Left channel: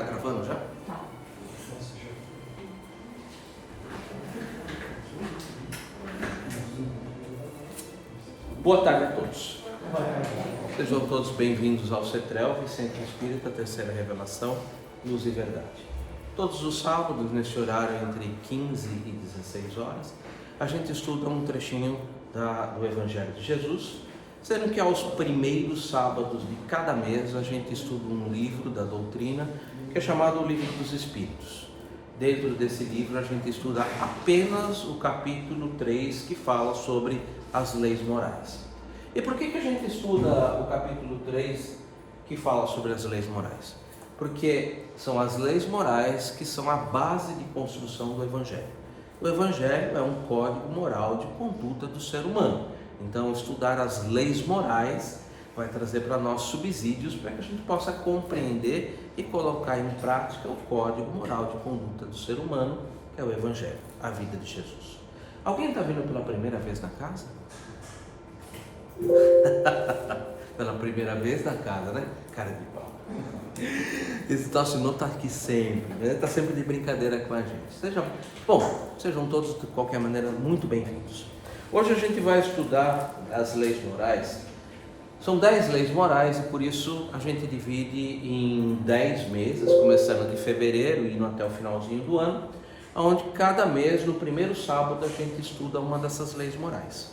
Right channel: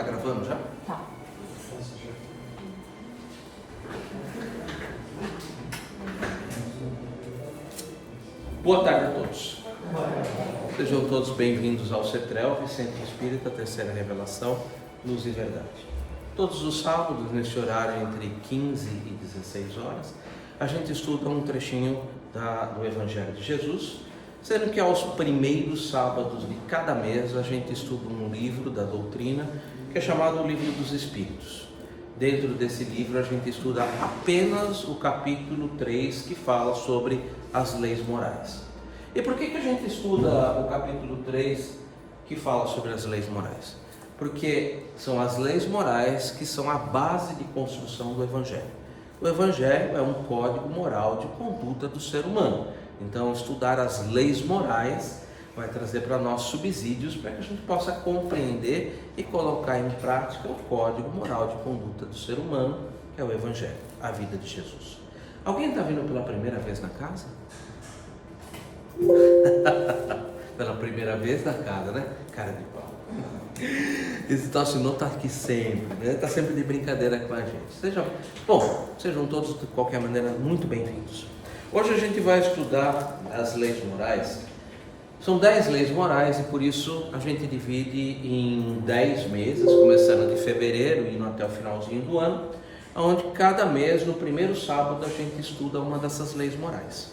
Tá gravando já? Tá. Boa tarde a todos. Sejam todos bem-vindos ao CETREL, Centro Espírita, Terceira Revelação, Luz e Verdade. Todos os sábados, neste horário entre 15 e 16 horas, a gente estuda um trechinho do Evangelho de Jesus, sendo que aos primeiros sábados de cada mês a gente estuda um livro da doutrina que é chamado o Livro dos Espíritos. Dentro desse livro a gente estuda apenas o capítulo 3, que fala sobre as leis morais. E por que a gente estuda o capítulo 3 que fala sobre as leis morais? Porque são as leis morais que são a base de construção do Evangelho. O Evangelho é um código moral de conduta do ser humano. Então, estudar as leis morais vai trazer para nós subsídios para que a gente possa compreender e colocar em prática o código moral de conduta do ser humano, que é o Evangelho, a vida de Jesus. Alguém está vindo pela primeira vez na casa? Pela primeira vez na casa, né? Cara de pau. Esse tal senhor está aqui sempre, né? Está sempre de brincadeira com a gente. Sejam todos, de qualquer maneira, muito bem-vindos. Hoje a gente vai estudar as leis morais. São 10 leis morais e por isso a gente divide em 10 meses, começando de fevereiro e indo até o finalzinho do ano, onde cada mês, no primeiro sábado, a gente estuda uma dessas leis morais.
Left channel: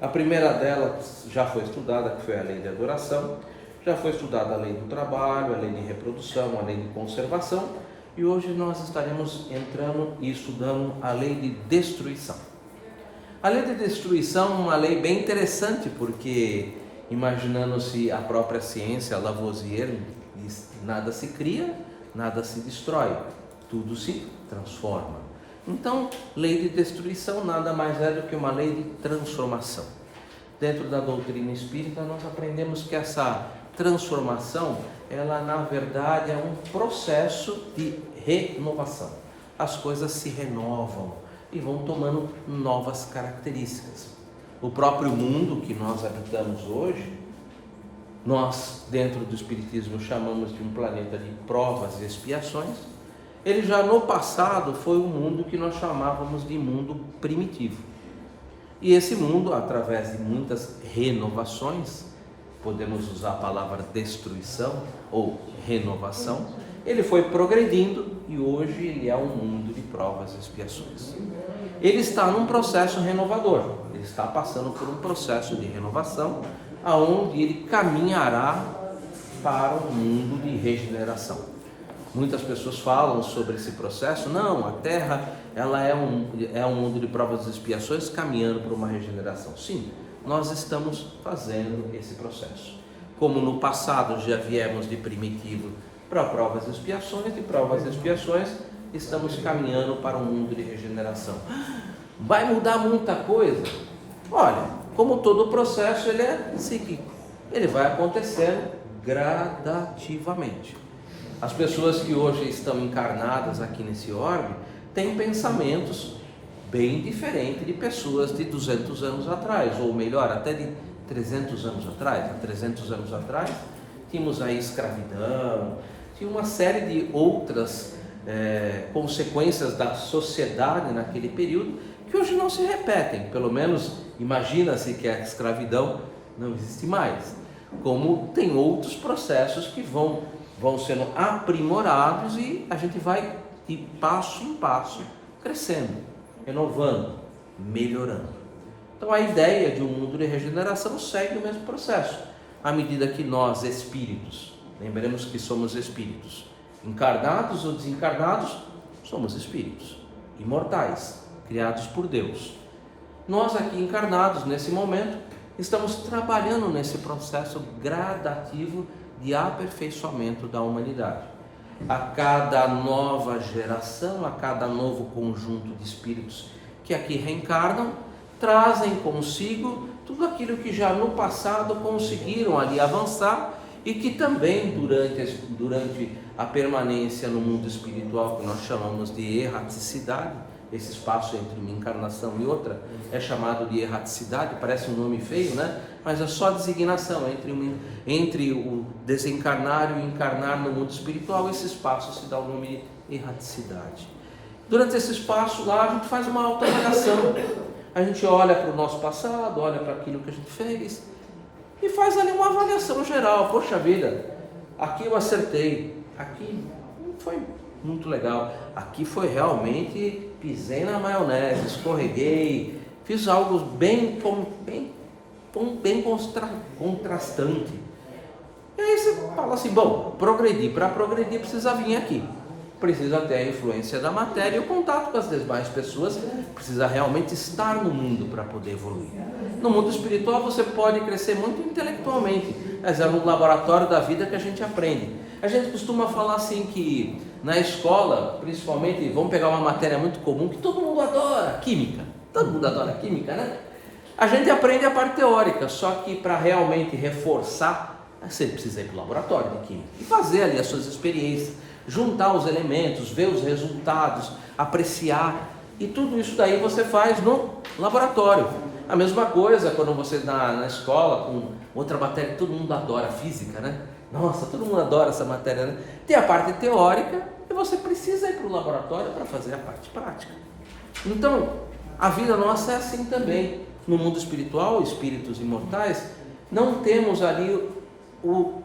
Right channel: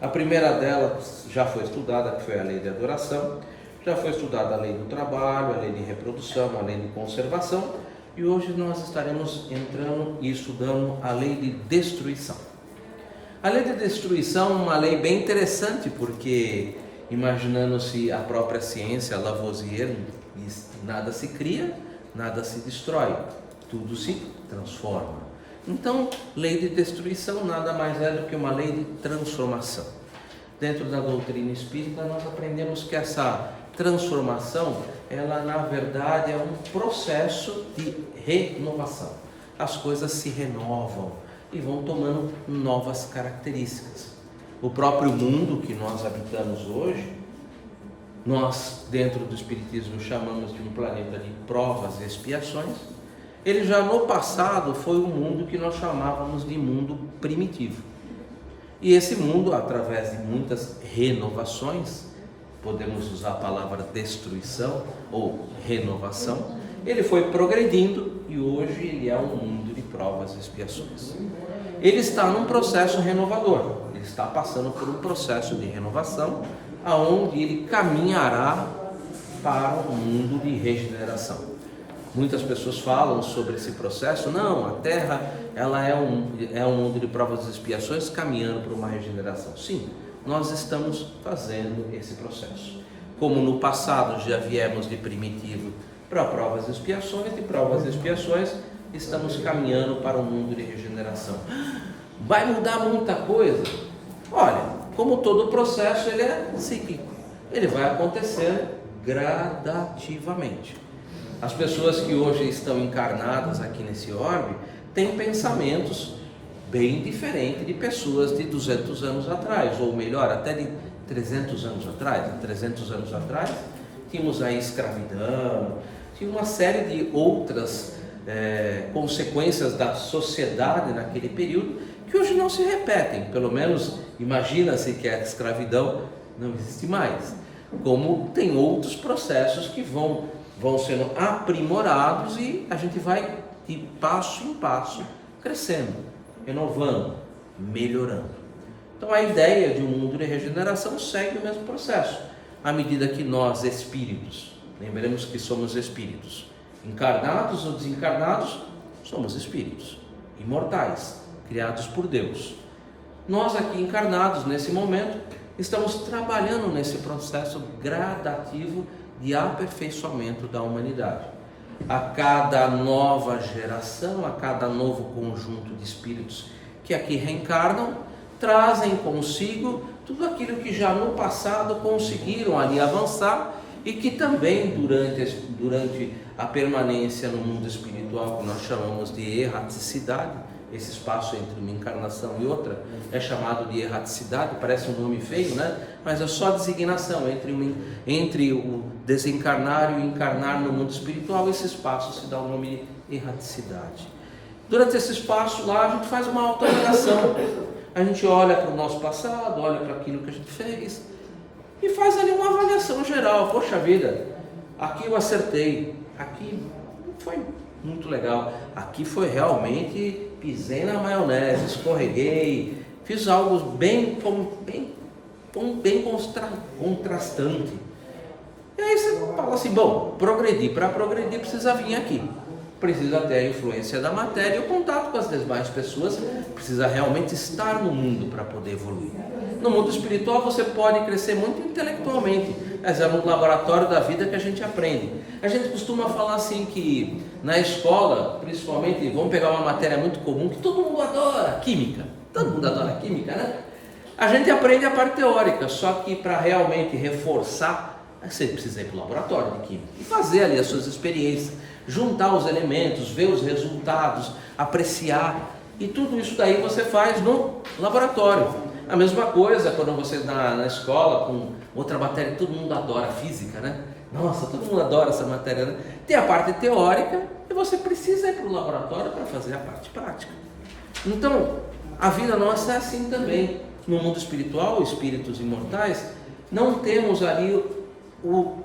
A primeira delas já foi estudada, que foi a lei de adoração, já foi estudada a lei do trabalho, a lei de reprodução, a lei de conservação, e hoje nós estaremos entrando e estudando a lei de destruição. A lei de destruição é uma lei bem interessante, porque imaginando-se a própria ciência, Lavoisier diz: nada se cria, nada se destrói, tudo se transforma. Então, lei de destruição nada mais é do que uma lei de transformação. Dentro da doutrina espírita, nós aprendemos que essa transformação, ela na verdade é um processo de renovação. As coisas se renovam e vão tomando novas características. O próprio mundo que nós habitamos hoje, nós dentro do Espiritismo chamamos de um planeta de provas e expiações. Ele já no passado foi um mundo que nós chamávamos de mundo primitivo. E esse mundo, através de muitas renovações, podemos usar a palavra destruição ou renovação, ele foi progredindo e hoje ele é um mundo de provas e expiações. Ele está num processo renovador, ele está passando por um processo de renovação, aonde ele caminhará para um mundo de regeneração. Muitas pessoas falam sobre esse processo. Não, a Terra ela é um mundo de provas e expiações caminhando para uma regeneração. Sim, nós estamos fazendo esse processo. Como no passado já viemos de primitivo para provas e expiações, de provas e expiações estamos caminhando para um mundo de regeneração. Vai mudar muita coisa? Olha, como todo processo, ele é cíclico. Ele vai acontecendo gradativamente. As pessoas que hoje estão encarnadas aqui nesse orbe têm pensamentos bem diferentes de pessoas de 200 anos atrás, ou melhor, até de 300 anos atrás. 300 anos atrás tínhamos a escravidão, tinha uma série de outras consequências da sociedade naquele período que hoje não se repetem. Pelo menos imagina-se que a escravidão não existe mais, como tem outros processos que vão sendo aprimorados e a gente vai de passo em passo crescendo, renovando, melhorando. Então a ideia de um mundo de regeneração segue o mesmo processo. À medida que nós, espíritos, lembremos que somos espíritos, encarnados ou desencarnados, somos espíritos, imortais, criados por Deus. Nós aqui encarnados, nesse momento, estamos trabalhando nesse processo gradativo de aperfeiçoamento da humanidade. A cada nova geração, a cada novo conjunto de espíritos que aqui reencarnam, trazem consigo tudo aquilo que já no passado conseguiram ali avançar e que também durante a permanência no mundo espiritual, que nós chamamos de erraticidade, esse espaço entre uma encarnação e outra é chamado de erraticidade, parece um nome feio, né? Mas é só designação entre o desencarnar e o encarnar no mundo espiritual. Esse espaço se dá o nome de erraticidade. Durante esse espaço lá a gente faz uma autoavaliação, a gente olha para o nosso passado, olha para aquilo que a gente fez e faz ali uma avaliação geral. Poxa vida, aqui eu acertei, aqui foi muito legal, aqui foi realmente, pisei na maionese, escorreguei, fiz algo bem contrastante. E aí você fala assim, bom, para progredir precisa vir aqui, precisa ter a influência da matéria e o contato com as demais pessoas, precisa realmente estar no mundo para poder evoluir. No mundo espiritual você pode crescer muito intelectualmente, mas é no laboratório da vida que a gente aprende. A gente costuma falar assim que na escola, principalmente, vamos pegar uma matéria muito comum que todo mundo adora, química. Todo mundo adora química, né? A gente aprende a parte teórica, só que para realmente reforçar, você precisa ir para o laboratório de química e fazer ali as suas experiências, juntar os elementos, ver os resultados, apreciar, e tudo isso daí você faz no laboratório. A mesma coisa quando você na escola com outra matéria, todo mundo adora física, né? Nossa, todo mundo adora essa matéria, né? Tem a parte teórica e você precisa ir para o laboratório para fazer a parte prática. Então, a vida nossa é assim também. No mundo espiritual, espíritos imortais, não temos ali o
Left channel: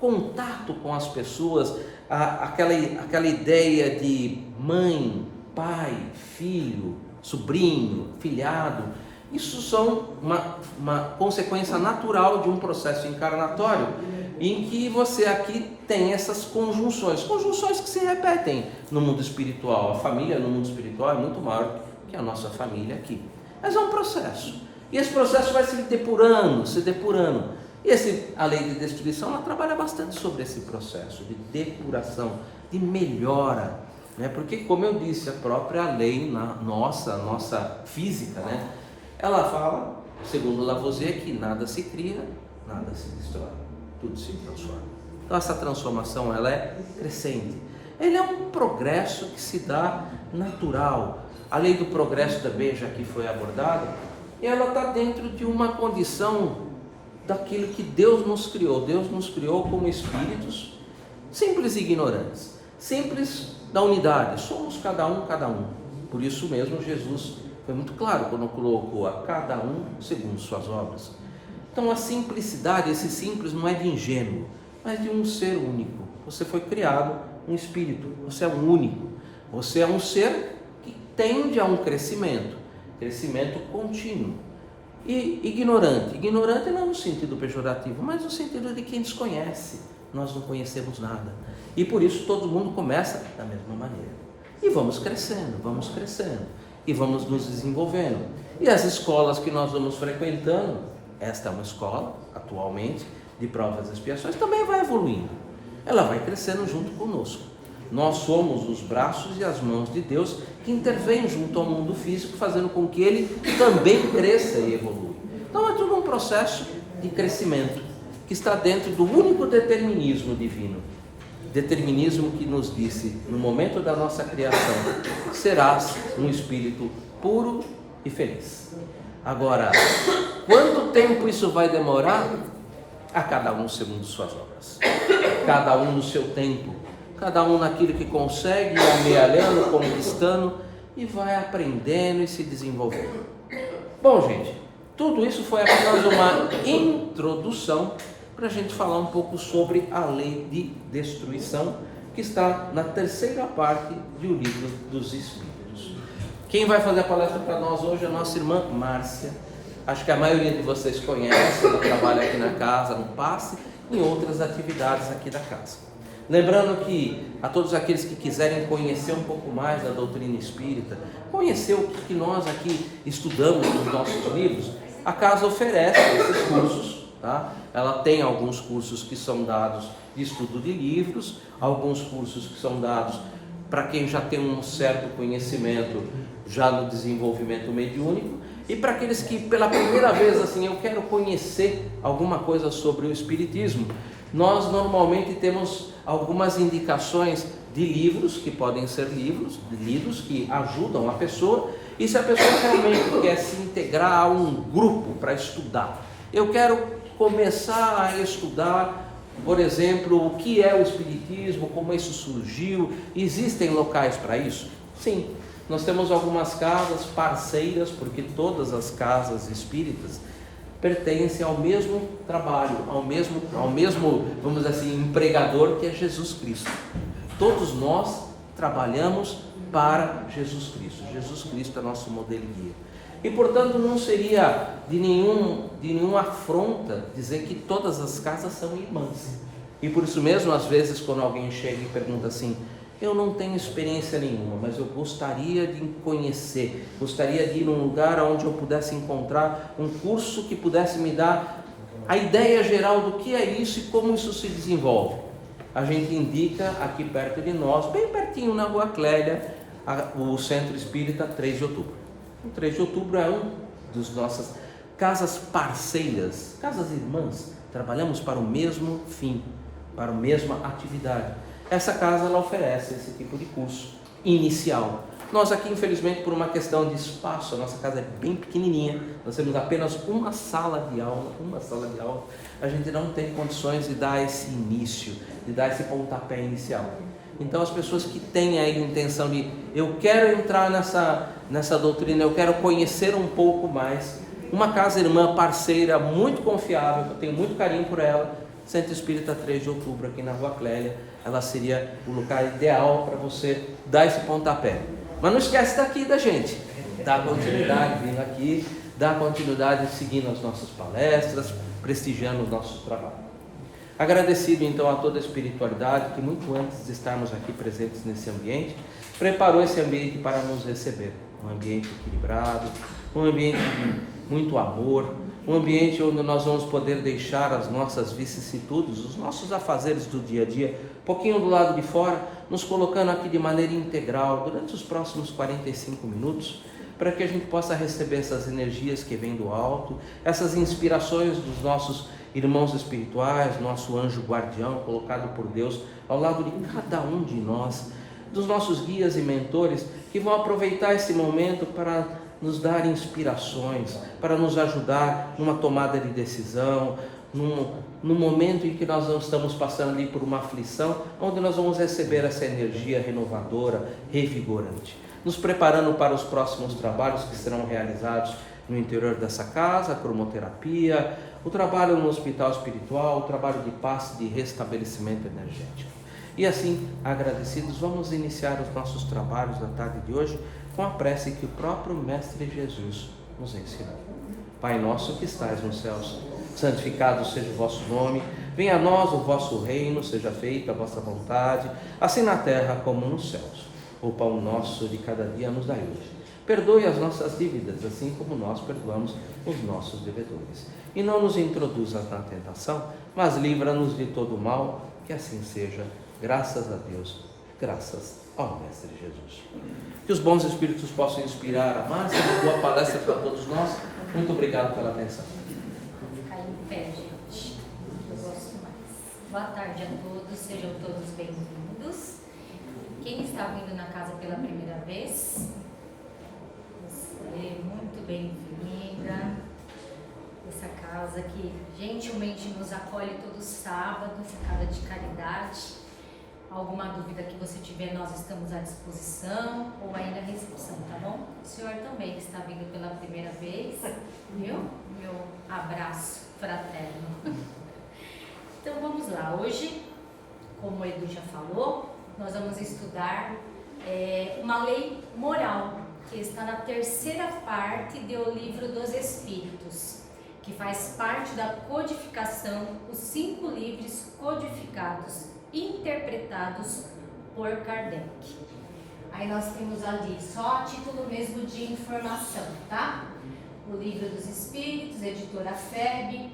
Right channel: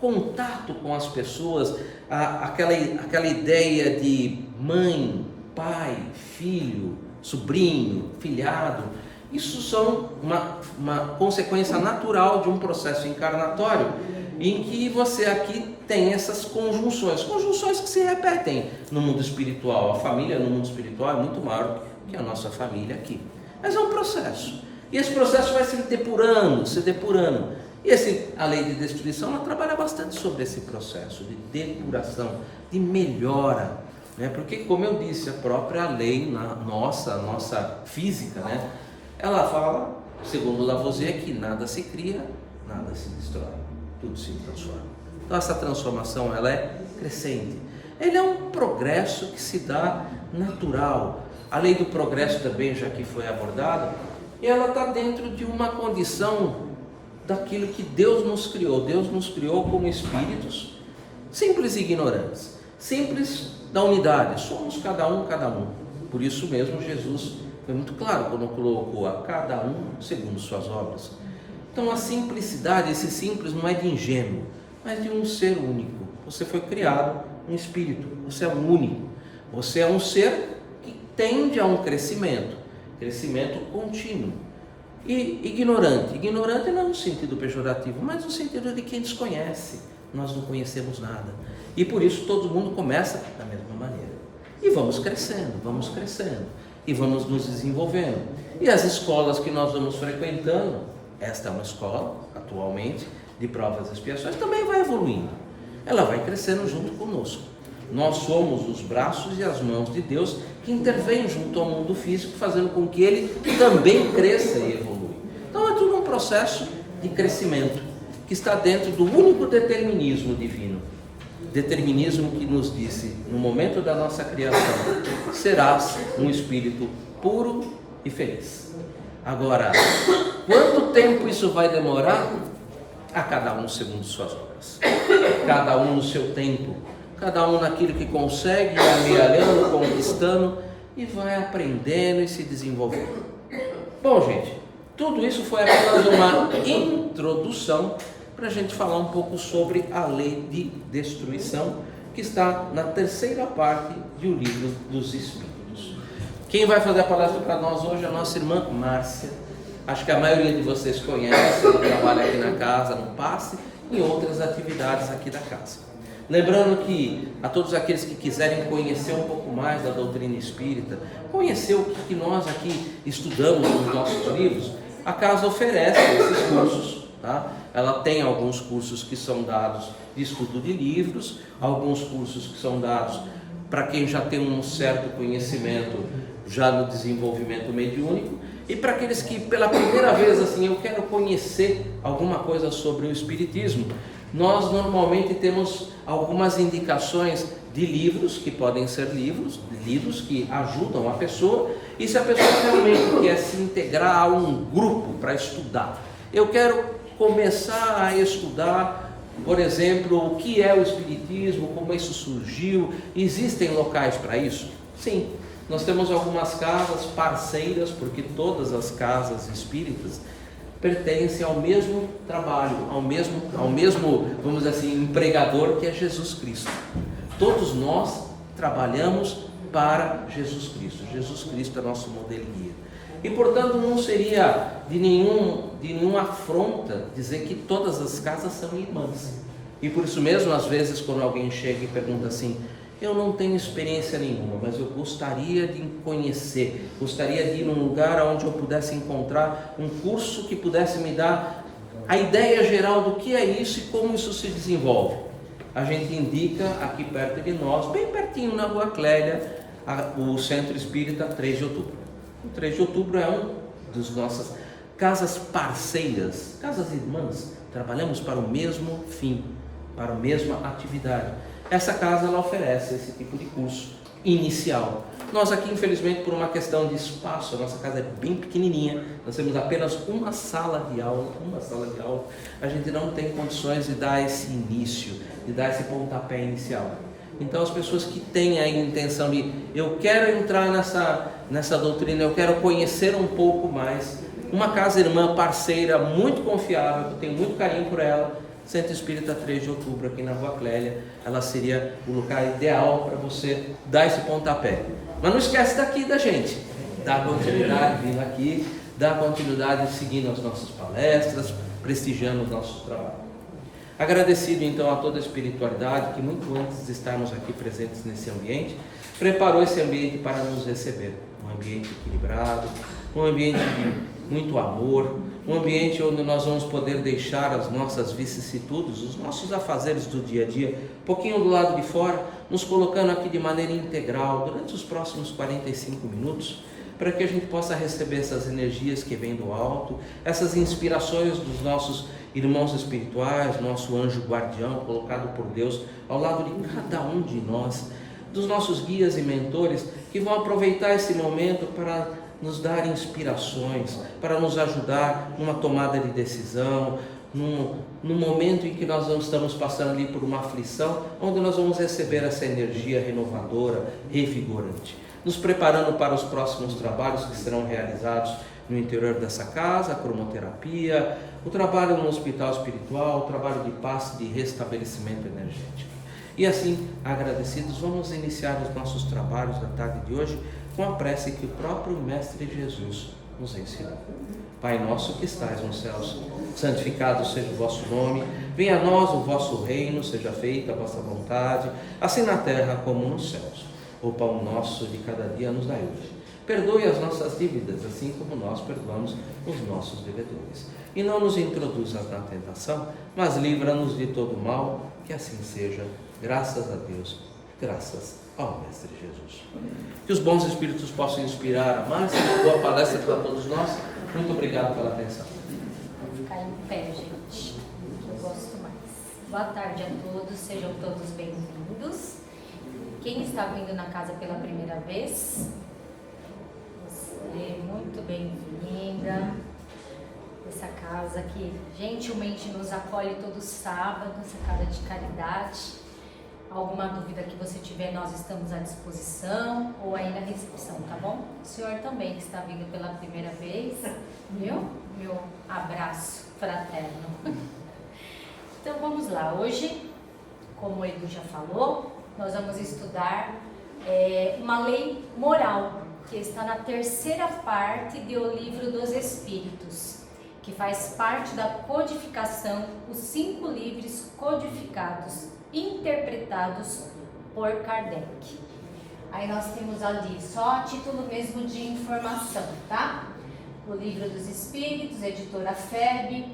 contato com as pessoas, aquela ideia de mãe, pai, filho, sobrinho, filhado. Isso são uma consequência natural de um processo encarnatório, em que você aqui tem essas conjunções que se repetem no mundo espiritual. A família no mundo espiritual é muito maior que a nossa família aqui. Mas é um processo. E esse processo vai se depurando. E a lei de destruição, ela trabalha bastante sobre esse processo de depuração, de melhora, né? Porque, como eu disse, a própria lei nossa física, né? Ela fala, segundo Lavoisier, que nada se cria, nada se destrói, tudo se transforma. Então essa transformação, ela é crescente. Ele é um progresso que se dá natural. A lei do progresso também, já que foi abordada, ela está dentro de uma condição daquilo que Deus nos criou. Deus nos criou como espíritos simples e ignorantes, simples da unidade. Somos cada um. Por isso mesmo Jesus foi muito claro quando colocou a cada um segundo suas obras. Então a simplicidade, esse simples não é de ingênuo, mas de um ser único. Você foi criado um espírito, você é um único, você é um ser que tende a um crescimento contínuo. E ignorante não no sentido pejorativo, mas no sentido de quem desconhece. Nós não conhecemos nada. E por isso todo mundo começa da mesma maneira. E vamos crescendo. E vamos nos desenvolvendo. E as escolas que nós vamos frequentando, esta é uma escola, atualmente, de provas e expiações, também vai evoluindo. Ela vai crescendo junto conosco. Nós somos os braços e as mãos de Deus que intervêm junto ao mundo físico, fazendo com que ele também cresça e evolua. Então é tudo um processo de crescimento, que está dentro do único determinismo divino. Determinismo que nos disse, no momento da nossa criação, serás um espírito puro e feliz. Agora, quanto tempo isso vai demorar? A cada um segundo suas obras. Cada um no seu tempo. Cada um naquilo que consegue, amealhando, conquistando, e vai aprendendo e se desenvolvendo. Bom, gente, tudo isso foi apenas uma introdução para a gente falar um pouco sobre a lei de destruição, que está na terceira parte do livro dos Espíritos. Quem vai fazer a palestra para nós hoje é a nossa irmã Márcia. Acho que a maioria de vocês conhece, ela trabalha aqui na casa, no passe, e em outras atividades aqui da casa. Lembrando que a todos aqueles que quiserem conhecer um pouco mais da doutrina espírita, conhecer o que nós aqui estudamos nos nossos livros, a casa oferece esses cursos, tá? Ela tem alguns cursos que são dados de estudo de livros, alguns cursos que são dados para quem já tem um certo conhecimento já no desenvolvimento mediúnico, e para aqueles que pela primeira vez assim, eu quero conhecer alguma coisa sobre o espiritismo. Nós normalmente temos algumas indicações de livros, que podem ser livros que ajudam a pessoa, e se a pessoa realmente quer se integrar a um grupo para estudar, eu quero começar a estudar, por exemplo, o que é o Espiritismo, como isso surgiu, existem locais para isso? Sim, nós temos algumas casas parceiras, porque todas as casas espíritas pertencem ao mesmo trabalho, ao mesmo, vamos dizer assim, empregador, que é Jesus Cristo. Todos nós trabalhamos para Jesus Cristo. Jesus Cristo é nosso modelo e guia. E, portanto, não seria de nenhuma afronta dizer que todas as casas são irmãs. E por isso mesmo, às vezes, quando alguém chega e pergunta assim: eu não tenho experiência nenhuma, mas eu gostaria de conhecer, gostaria de ir num lugar onde eu pudesse encontrar um curso que pudesse me dar a ideia geral do que é isso e como isso se desenvolve. A gente indica aqui perto de nós, bem pertinho na Rua Clélia, o Centro Espírita 3 de Outubro. O 3 de Outubro é uma das nossas casas parceiras, casas irmãs. Trabalhamos para o mesmo fim, para a mesma atividade. Essa casa, ela oferece esse tipo de curso inicial. Nós aqui, infelizmente, por uma questão de espaço, a nossa casa é bem pequenininha, nós temos apenas uma sala de aula, a gente não tem condições de dar esse início, de dar esse pontapé inicial. Então, as pessoas que têm aí a intenção de, eu quero entrar nessa doutrina, eu quero conhecer um pouco mais, uma casa irmã parceira, muito confiável, que eu tenho muito carinho por ela, Centro Espírita 3 de Outubro, aqui na Rua Clélia, ela seria o lugar ideal para você dar esse pontapé. Mas não esquece daqui da gente, dá continuidade vindo aqui, dá continuidade seguindo as nossas palestras, prestigiando os nossos trabalhos. Agradecido então a toda a espiritualidade que muito antes de estarmos aqui presentes nesse ambiente, preparou esse ambiente para nos receber. Um ambiente equilibrado, um ambiente de muito amor, um ambiente onde nós vamos poder deixar as nossas vicissitudes, os nossos afazeres do dia a dia, um pouquinho do lado de fora, nos colocando aqui de maneira integral durante os próximos 45 minutos, para que a gente possa receber essas energias que vêm do alto, essas inspirações dos nossos irmãos espirituais, nosso anjo guardião colocado por Deus ao lado de cada um de nós, dos nossos guias e mentores que vão aproveitar esse momento para nos dar inspirações, para nos ajudar numa tomada de decisão, num momento em que nós estamos passando ali por uma aflição, onde nós vamos receber essa energia renovadora, revigorante, nos preparando para os próximos trabalhos que serão realizados no interior dessa casa, a cromoterapia, o trabalho no hospital espiritual, o trabalho de paz, de restabelecimento energético. E assim, agradecidos, vamos iniciar os nossos trabalhos da tarde de hoje com a prece que o próprio Mestre Jesus nos ensinou. Pai nosso que estais nos céus, santificado seja o vosso nome, venha a nós o vosso reino, seja feita a vossa vontade, assim na terra como nos céus. O pão nosso de cada dia nos dai hoje. Perdoe as nossas dívidas, assim como nós perdoamos os nossos devedores. E não nos introduzas na tentação, mas livra-nos de todo mal, que assim seja. Graças a Deus, graças ao Mestre Jesus. Que os bons espíritos possam inspirar a mais boa palestra para todos nós. Muito obrigado pela atenção. Vou ficar em pé, gente, que eu gosto mais. Boa tarde a todos, sejam todos bem-vindos. Quem está vindo na casa pela primeira vez, você, muito bem-vinda. Essa casa que gentilmente nos acolhe todo sábado, essa casa de caridade. Alguma dúvida que você tiver, nós estamos à disposição, ou aí na recepção, tá bom? O senhor também que está vindo pela primeira vez, viu? Meu abraço fraterno. Então vamos lá, hoje, como o Edu já falou, nós vamos estudar uma lei moral, que está na terceira parte do Livro dos Espíritos, que faz parte da codificação, os 5 livros codificados, interpretados por Kardec. Aí nós temos ali só a título mesmo de informação, tá? O Livro dos Espíritos, editora FEB.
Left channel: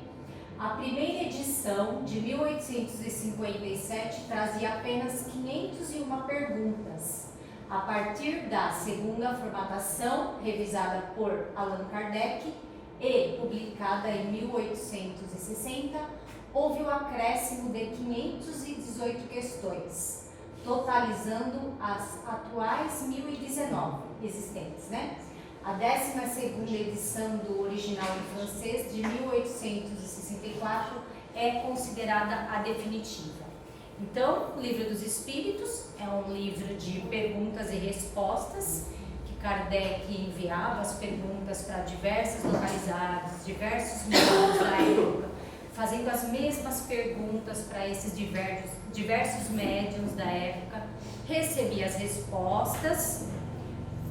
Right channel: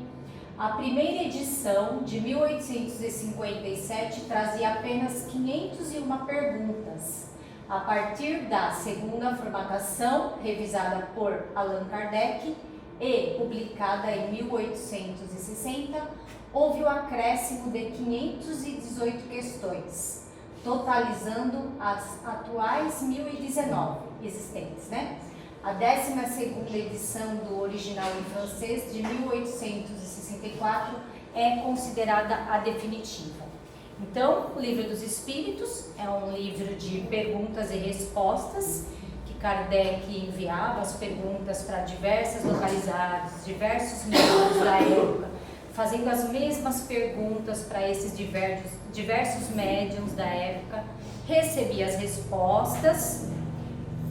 A primeira edição, de 1857, trazia apenas 501 perguntas. A partir da segunda formatação, revisada por Allan Kardec e publicada em 1860, houve o acréscimo de 518 questões, totalizando as atuais 1019 existentes, né? A 12ª edição do original em francês, de 1864, é considerada a definitiva. Então, o Livro dos Espíritos é um livro de perguntas e respostas, que Kardec enviava as perguntas para diversas localidades, diversos meios da época, fazendo as mesmas perguntas para esses diversos médiuns da época, recebia as respostas,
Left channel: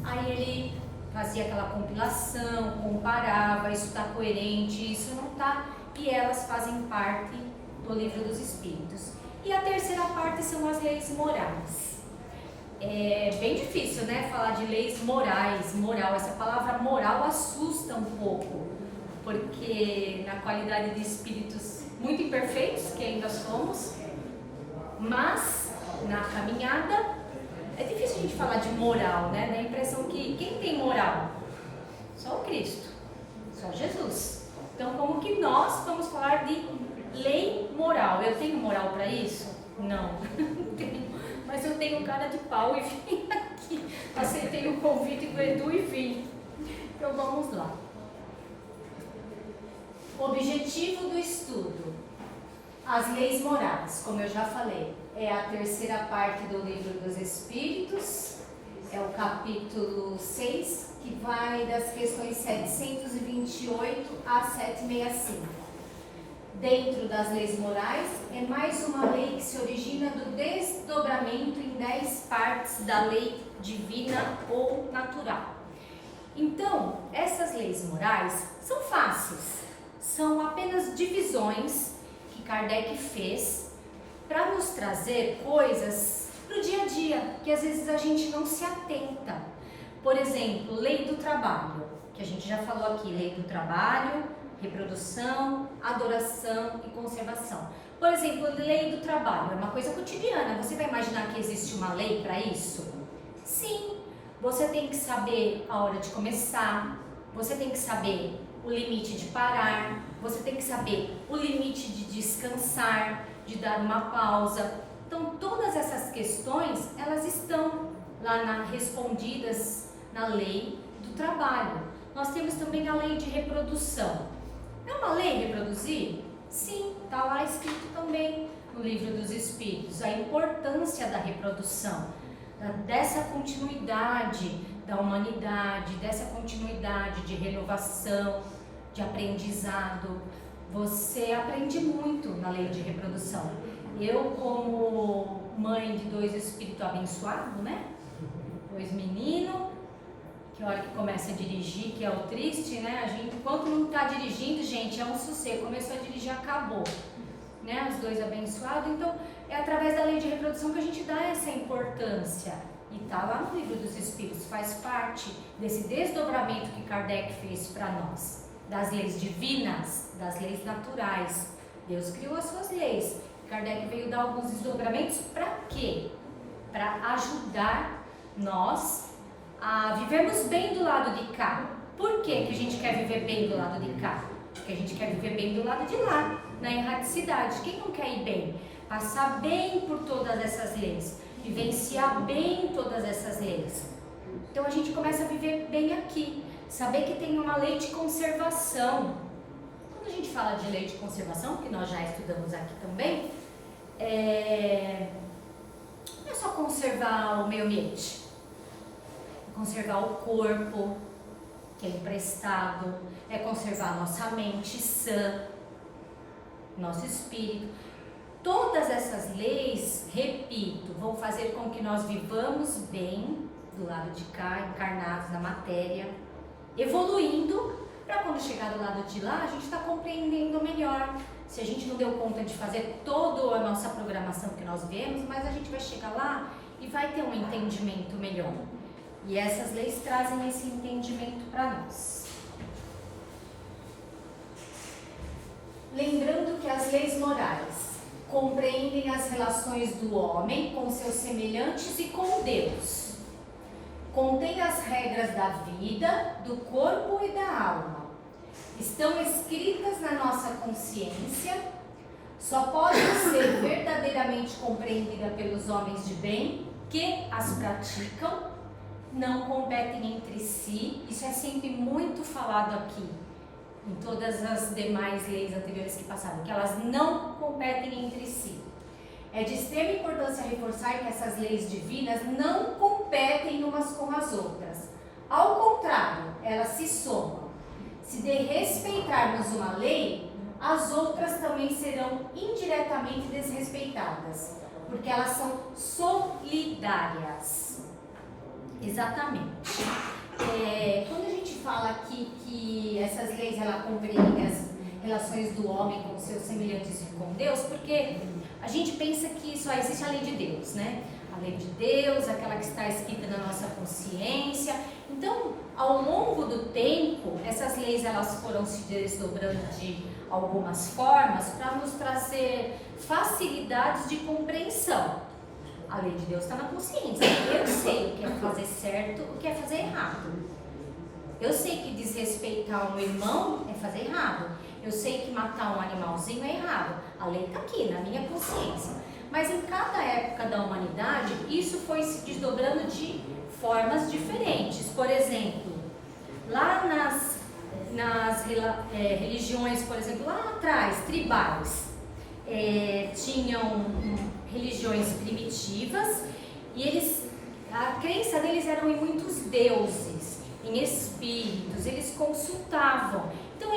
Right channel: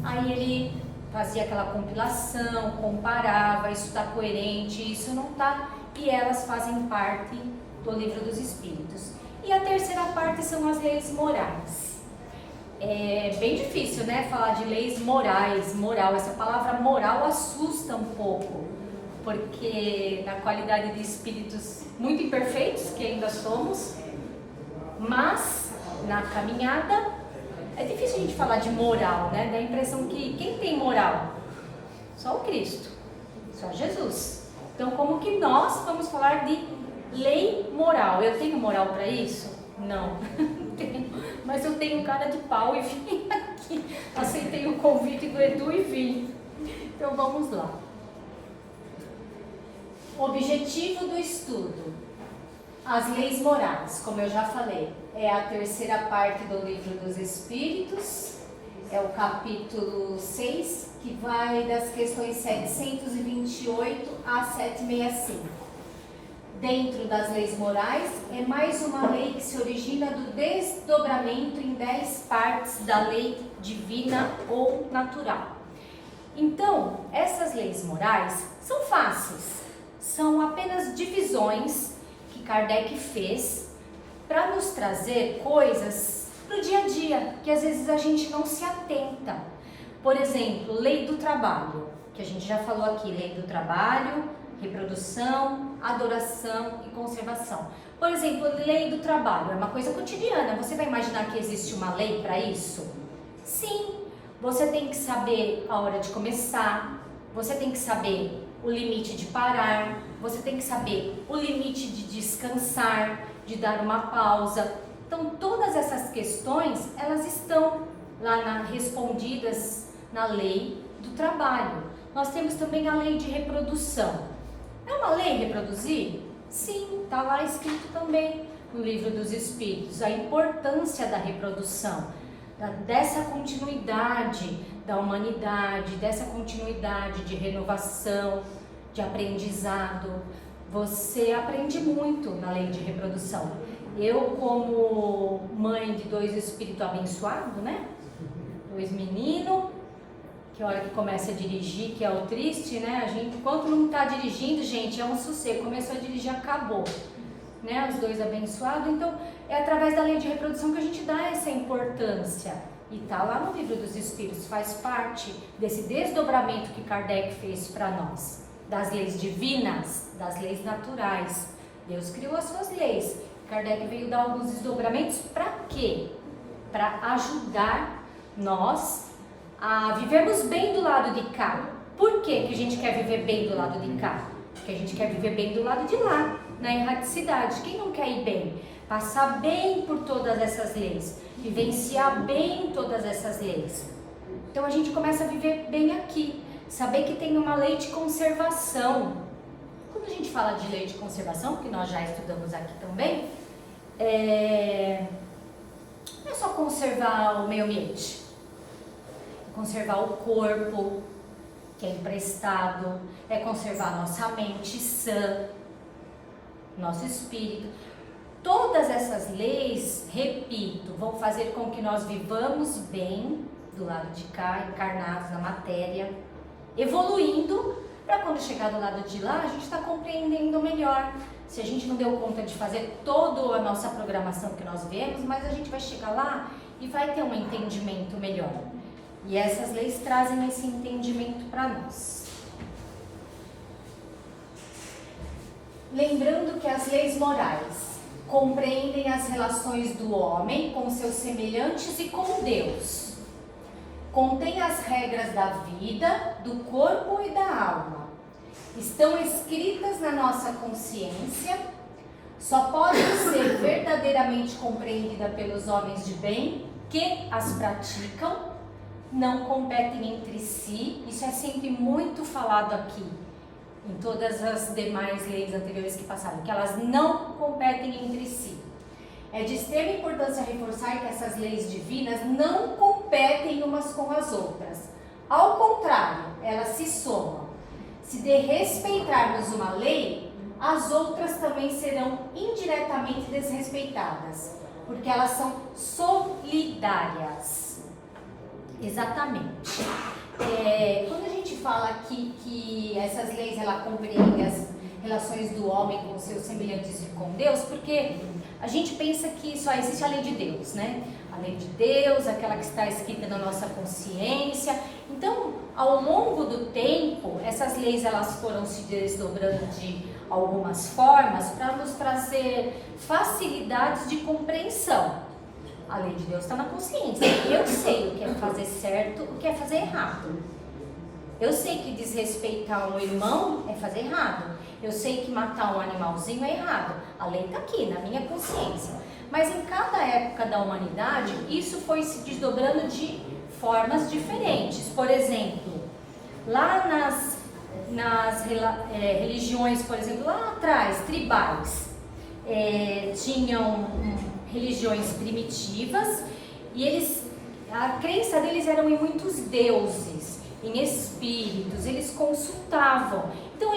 aí ele fazia aquela compilação, comparava, isso está coerente, isso não está, e elas fazem parte do Livro dos Espíritos. E a terceira parte são as leis morais. É bem difícil, né, falar de leis morais, moral, essa palavra moral assusta um pouco, porque na qualidade de espíritos muito imperfeitos, que ainda somos, mas na caminhada é difícil a gente falar de moral, né? Dá a impressão que quem tem moral? Só o Cristo, só Jesus. Então, como que nós vamos falar de lei moral? Eu tenho moral para isso? Não, não tenho. Mas eu tenho cara de pau e vim aqui. Aceitei o convite do Edu e vim. Então, vamos lá. O objetivo do estudo. As leis morais, como eu já falei, é a terceira parte do Livro dos Espíritos, é o capítulo 6, que vai das questões 728 a 765. Dentro das leis morais, é mais uma lei que se origina do desdobramento em 10 partes da lei divina ou natural. Então, essas leis morais são fáceis, são apenas divisões que Kardec fez para nos trazer coisas para o dia a dia, que às vezes a gente não se atenta. Por exemplo, lei do trabalho, que a gente já falou aqui, lei do trabalho, reprodução, adoração e conservação. Por exemplo, lei do trabalho é uma coisa cotidiana, você vai imaginar que existe uma lei para isso? Sim, você tem que saber a hora de começar, você tem que saber o limite de parar, você tem que saber o limite de descansar, de dar uma pausa. Então, todas essas questões, elas estão lá respondidas na lei do trabalho. Nós temos também a lei de reprodução. É uma lei reproduzir? Sim, está lá escrito também no Livro dos Espíritos, a importância da reprodução, dessa continuidade da humanidade, dessa continuidade de renovação, de aprendizado. Você aprende muito na lei de reprodução. Eu, como mãe de 2 espíritos abençoados, né? 2 meninos, que a hora que começa a dirigir, que é o triste, né? A gente, enquanto não está dirigindo, gente, é um sossego. Começou a dirigir, acabou. Né? Os 2 abençoados. Então, é através da lei de reprodução que a gente dá essa importância. E está lá no Livro dos Espíritos, faz parte desse desdobramento que Kardec fez para nós. Das leis divinas, das leis naturais. Deus criou as suas leis. Kardec veio dar alguns desdobramentos para quê? Para ajudar nós a vivermos bem do lado de cá. Por que que a gente quer viver bem do lado de cá? Porque a gente quer viver bem do lado de lá, na erraticidade. Quem não quer ir bem? Passar bem por todas essas leis, vivenciar bem todas essas leis. Então a gente começa a viver bem aqui, saber que tem uma lei de conservação. Quando a gente fala de lei de conservação, que nós já estudamos aqui também, não é só conservar o meio ambiente, é conservar o corpo, que é emprestado, é conservar a nossa mente sã, nosso espírito. Todas essas leis, repito, vão fazer com que nós vivamos bem do lado de cá, encarnados na matéria, evoluindo, para quando chegar do lado de lá, a gente está compreendendo melhor. Se a gente não deu conta de fazer toda a nossa programação que nós vemos, mas a gente vai chegar lá e vai ter um entendimento melhor. E essas leis trazem esse entendimento para nós. Lembrando que as leis morais compreendem as relações do homem com seus semelhantes e com Deus. Contém as regras da vida, do corpo e da alma. Estão escritas na nossa consciência, só podem ser verdadeiramente compreendidas pelos homens de bem que as praticam, não competem entre si. Isso é sempre muito falado aqui, em todas as demais leis anteriores que passaram, que elas não competem entre si. É de extrema importância reforçar que essas leis divinas não competem umas com as outras. Ao contrário, elas se somam. Se desrespeitarmos uma lei, as outras também serão indiretamente desrespeitadas, porque elas são solidárias. Exatamente. Quando a gente fala aqui que essas leis ela compreendem as relações do homem com seus semelhantes e com Deus, porque a gente pensa que só existe a lei de Deus, né? A lei de Deus, aquela que está escrita na nossa consciência. Então, ao longo do tempo, essas leis elas foram se desdobrando de algumas formas para nos trazer facilidades de compreensão. A lei de Deus está na consciência. Eu sei o que é fazer certo, o que é fazer errado. Eu sei que desrespeitar um irmão é fazer errado. Eu sei que matar um animalzinho é errado. A lei está aqui, na minha consciência. Mas em cada época da humanidade, isso foi se desdobrando de formas diferentes. Por exemplo, lá nas religiões, por exemplo, lá atrás, tribais, tinham religiões primitivas e a crença deles eram em muitos deuses, em espíritos, eles consultavam. Então,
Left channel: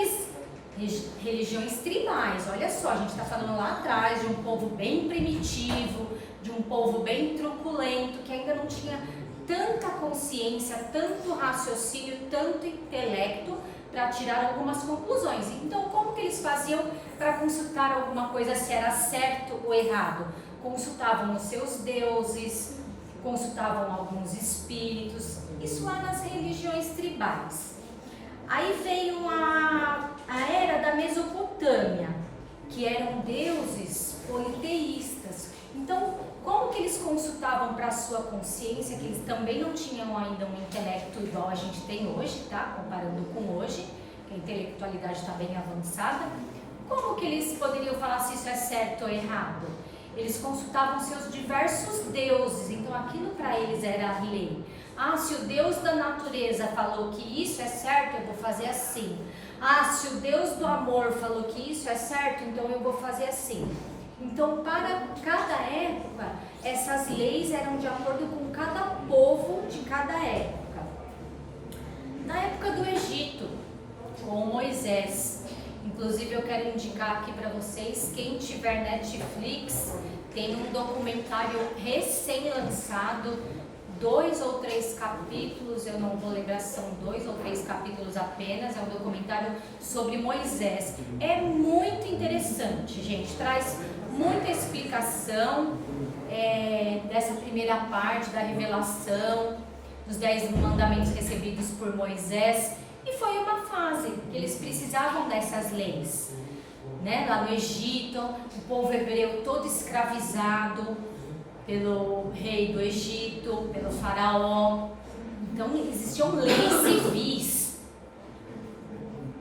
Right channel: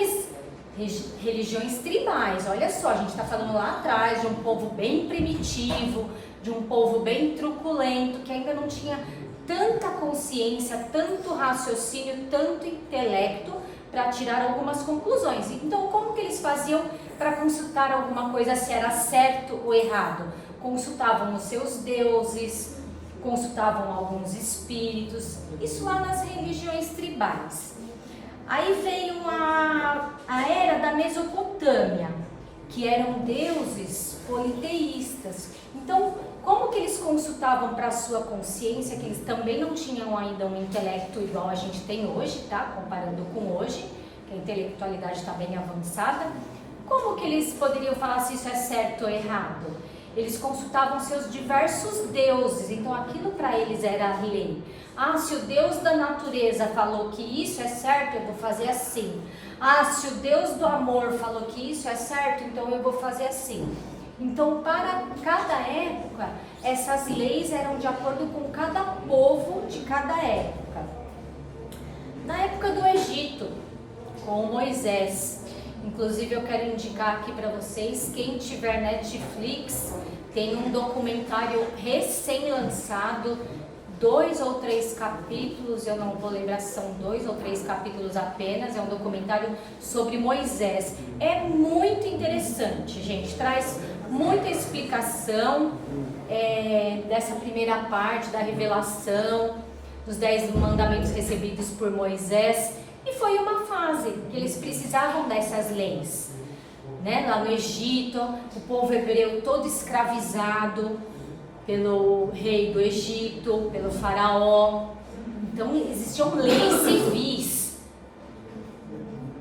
religiões tribais, olha só, a gente está falando lá atrás de um povo bem primitivo, de um povo bem truculento, que ainda não tinha tanta consciência, tanto raciocínio, tanto intelecto para tirar algumas conclusões. Então, como que eles faziam para consultar alguma coisa se era certo ou errado? Consultavam os seus deuses, consultavam alguns espíritos, isso lá nas religiões tribais. Aí veio a era da Mesopotâmia, que eram deuses politeístas. Então, como que eles consultavam para a sua consciência, que eles também não tinham ainda um intelecto igual a gente tem hoje, tá? Comparando com hoje, que a intelectualidade está bem avançada. Como que eles poderiam falar se isso é certo ou errado? Eles consultavam seus diversos deuses, então aquilo para eles era a lei. Ah, se o Deus da natureza falou que isso é certo, eu vou fazer assim. Ah, se o Deus do amor falou que isso é certo, então eu vou fazer assim. Então, para cada época, essas leis eram de acordo com cada povo de cada época. Na época do Egito, com Moisés, inclusive eu quero indicar aqui para vocês, quem tiver Netflix, tem um documentário recém-lançado, 2 ou 3 capítulos, eu não vou lembrar se são 2 ou 3 capítulos apenas, é um documentário sobre Moisés. É muito interessante, gente, traz muita explicação dessa primeira parte da revelação, dos 10 mandamentos recebidos por Moisés, e foi uma fase que eles precisavam dessas leis, né? Lá no Egito, o povo hebreu todo escravizado pelo rei do Egito, pelo faraó. Então existiam leis civis,